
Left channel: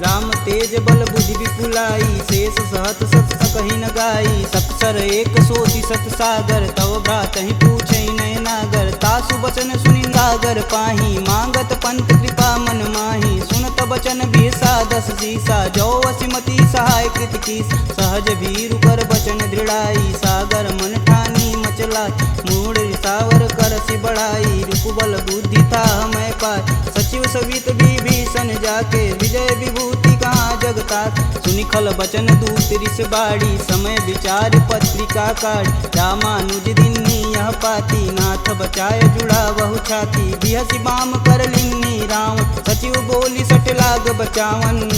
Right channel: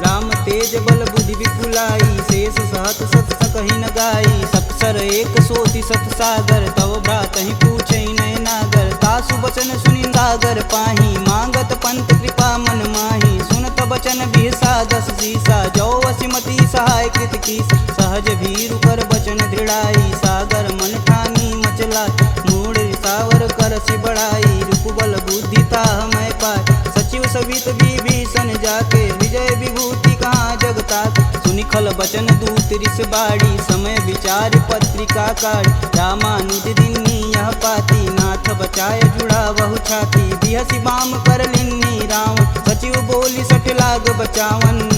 राम तेज बल बुद्धि विपुलाई, शेष सहत सत सकहि न गाई। सकसर एक सोति सत सागर, तव भ्रातहि पूछै नय नागर। तासु बचन सुनि सागर पाही, मांगत पंत कृपा मन माही। सुनत बचन बिहसा 10 सीसा, जो वसिमति सहाय कृत कीस। सहज भीरु कर बचन दृढ़ाई, सागर मन ठानी मचला। मूढ़ रिसावर करसि बढ़ाई, रूप बल बुद्धि था मैं पाय। सचिव सवित विभीषण जाके, विजय विभूति कहाँ जगता। सुनि खल बचन दूत रिस बाड़ी, समय विचार पत्रिका काढ़। रामानुज दिन्नी यह पाती, नाथ बचाय जुड़ा बहु छाती। बिहसी बाम कर लिन्नी रावण, सचिव बोली सठ लाग बचावन।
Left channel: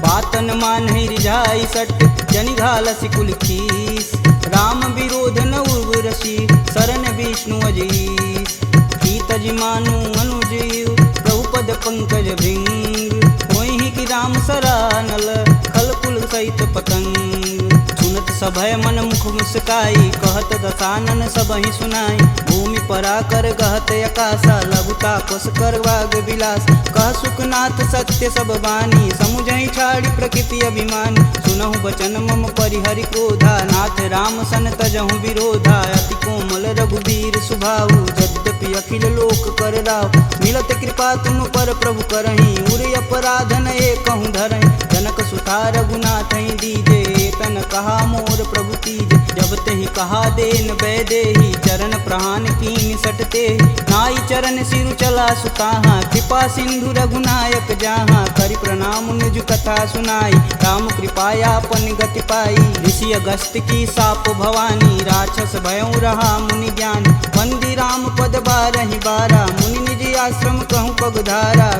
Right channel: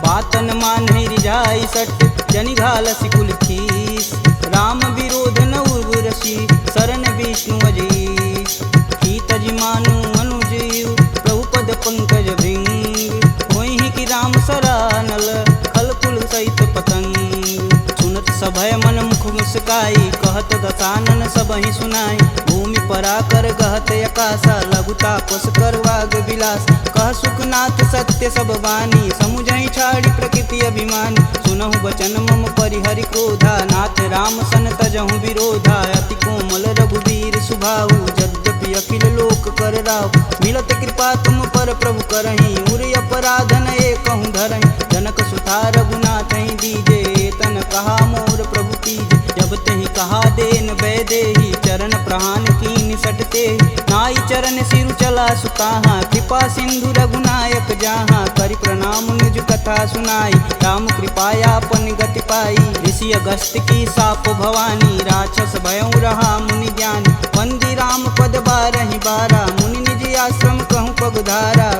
बातन मानहि रिझाई सट, जनि घालसि कुल खीस। राम विरोध न उर्वरसी, शरण विष्णु अजीस। की तजि मानु अनुजीव, प्रभु पद पंकज भृंग। होहि कि राम सरानल, खल कुल सहित पतंग। सुनत सभय मन मुख मुस्काई, कहत दसानन सबहि सुनाई। भूमि परा कर गहत आकाशा, लघुता पस कर वाग विलास। कह सुखनाथ सत्य सब बानी, समुझहि छाड़ी प्रकृति अभिमानी। सुनहु बचन मम परिहरि क्रोधा, नाथ राम सन तजहु विरोधा। अति कोमल रघुवीर सुभाऊ, यद्यपि अखिल लोक कर राव। मिलत कृपा तुम पर प्रभु करहि, उर अपराध न एकहु धरहि। जनक सुता रघुनाथ दीजे, तन कहा मोर प्रभु तीजे। जब तेहि कहा देन वैदेही, चरण प्रहान कीन सटते। नाई चरण सिरु चला सुताहा, कृपा सिंधु रघुनायक जहाँ। करि प्रणाम निज कथा सुनाई, राम कृपायापन गति पाई। ऋषि अगस्त की साप भवानी, राक्षस भयउ रहा मुनि ज्ञानी। वंदी राम पद 12 बारा, मुनि निज आश्रम कहूँ पगधारा।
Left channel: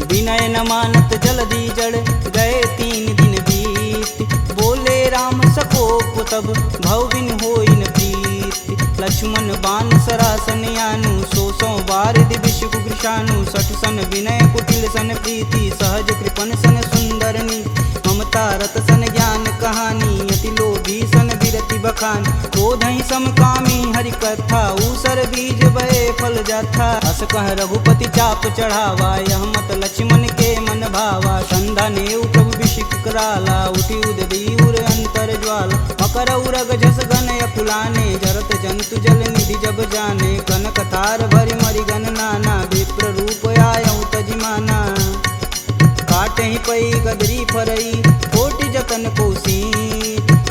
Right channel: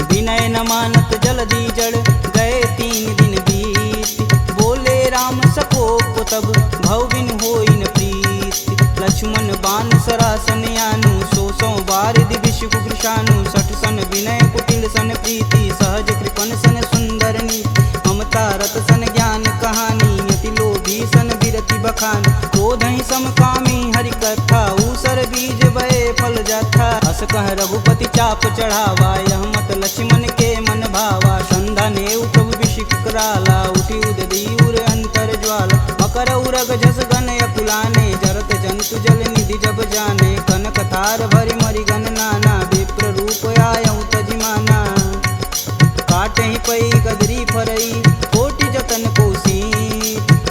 विनय न मानत जलधि जड़, गए 3 दिन बीत। बोले राम सकोप तब, भव बिन होई न प्रीत। लक्ष्मण बान सरासन यानु, 100 बार दिविश कुकृशानु। 60 सन विनय कुटिल सन प्रीति, सहज कृपन सन सुंदर नीति। ममता रत सन ज्ञान कहानी, अति लोभी सन विरति बखान। क्रोधहि समकामी हरि कथा, ऊसर बीज बए फल जाथा। अस कह रघुपति चाप चढ़ावा, यह मत लक्ष्मण के मन भावा। संधा नेउ प्रभु बिषिक कराला, उठी उददी उर अंतर ज्वाला। मकर उरग झस गन अकुलाने, जरत जंतु जल निधि जब जाने, कनक तार भरि मरिगन नाना, विप्र रूप आयऊ तजिमाना। काटे ही पई गदरी फरई, कोटि जतन कोसी,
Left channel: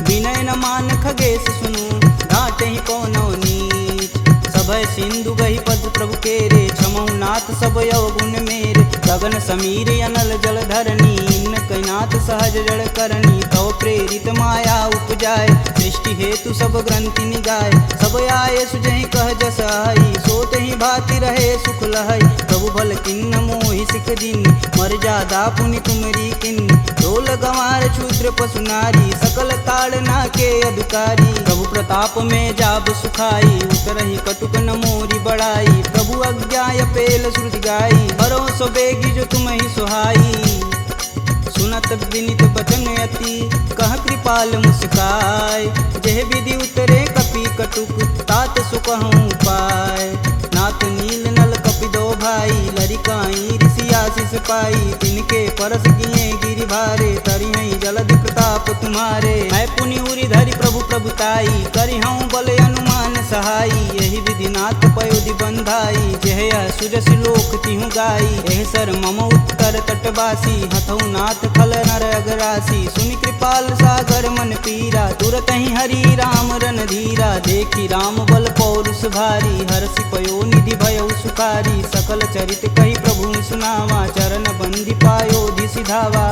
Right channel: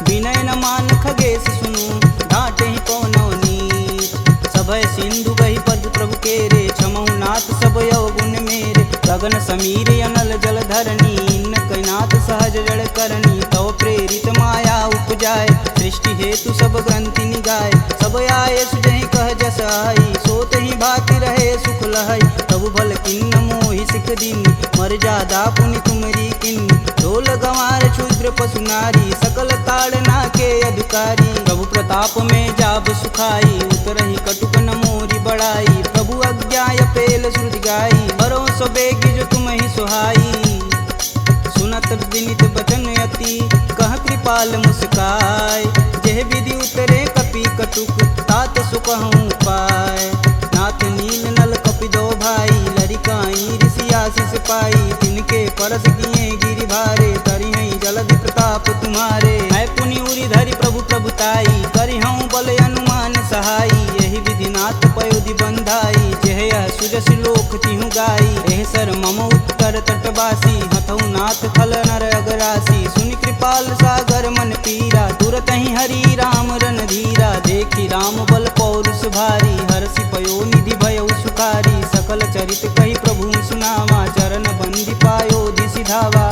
विनय न मान खगेश सुनु, डांटे ही पवनौ नीच। सभय सिंधु गही पद प्रभु केरे, छमहु नाथ सब अवगुण मेरे। गगन समीर अनल जल धरनी, इन कैनाथ सहज जड़ करनी। तव प्रेरित माया उपजाय, सृष्टि हेतु सब ग्रंथि निगाय। सब आये सुजहि कह जस आई, सोत ही भाति रहे सुख लहै। प्रभु भल किन्न मोहि सिख दीनी, मर्यादा पुनि तुमरी किन्नी। ढोल गंवार क्षुद्र पशु नारी, सकल ताड़ना के अधिकारी। प्रभु प्रताप में जाब सुखाई, उतरहि कटुक न मोरी बड़ाई। प्रभु अज्ञा पेल श्रुति गाई, बरो सो बेगी जो तुम ही सुहाई। सुनत विनित बचन अति, कह कृपाल मुस्काय। जेह विधि उतरे कपि कटुक, तात सुकहूँ पाय। नाथ नील नल कपि दो भाई, लरिकाई ऋषि आशीष पाई। तिनके परस किए गिरि भारे, तरिहै जलधि प्रताप तुम्हारे। मैं पुनि उरि धरि प्रभु प्रभुताई, करिहऊँ बल अनुमान सहाई। यही विधि नाथ पयोधि बंधाई, जेह यह सुजस लोक तिहु गाई। एह सर मम उत्तर तटवासी, हथऊ नाथ खल नर अगरासी। सुनि कृपाल सागर मन पीरा, तुरत ही हरि राम रन धीरा। देखी राम बल पौरुष भारी, हरषि पयो निधि भयउ सुखारी। सकल चरित कही प्रभु सुनावा, चरण बंदी पायोधि सिधावा।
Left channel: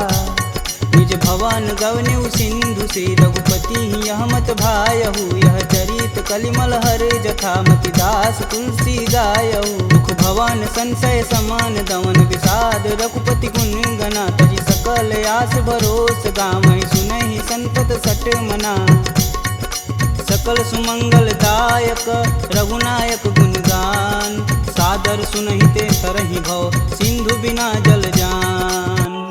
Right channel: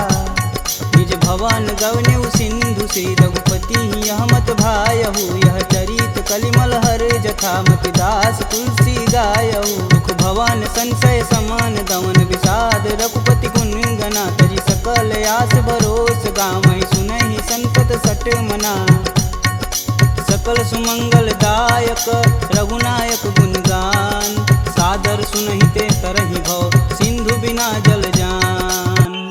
निज भवन गवनेउ सिंधु, श्री रघुपति यह मत भायहु। यह चरित कलिमल हर जथा, मति दास तुलसी गायहु। दुख भवन संशय समान, दमन विषाद रघुपति गुण गना। तजि सकल आस भरोस, गावहि सुनहि संतत सट मना। सकल सुमंगल दायक रघुनायक गुणगान, सादर सुनहि ते तरहि भव, सिंधु बिना जल जान।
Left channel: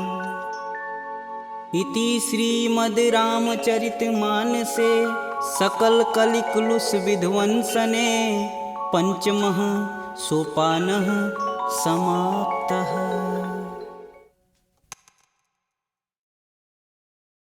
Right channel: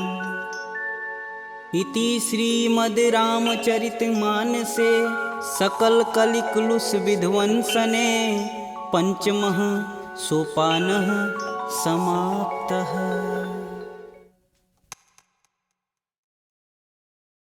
इति श्रीमद् रामचरित मानसे, सकल कलिकुलुष विध्वंसने। पंचमः सोपानः समाप्तः।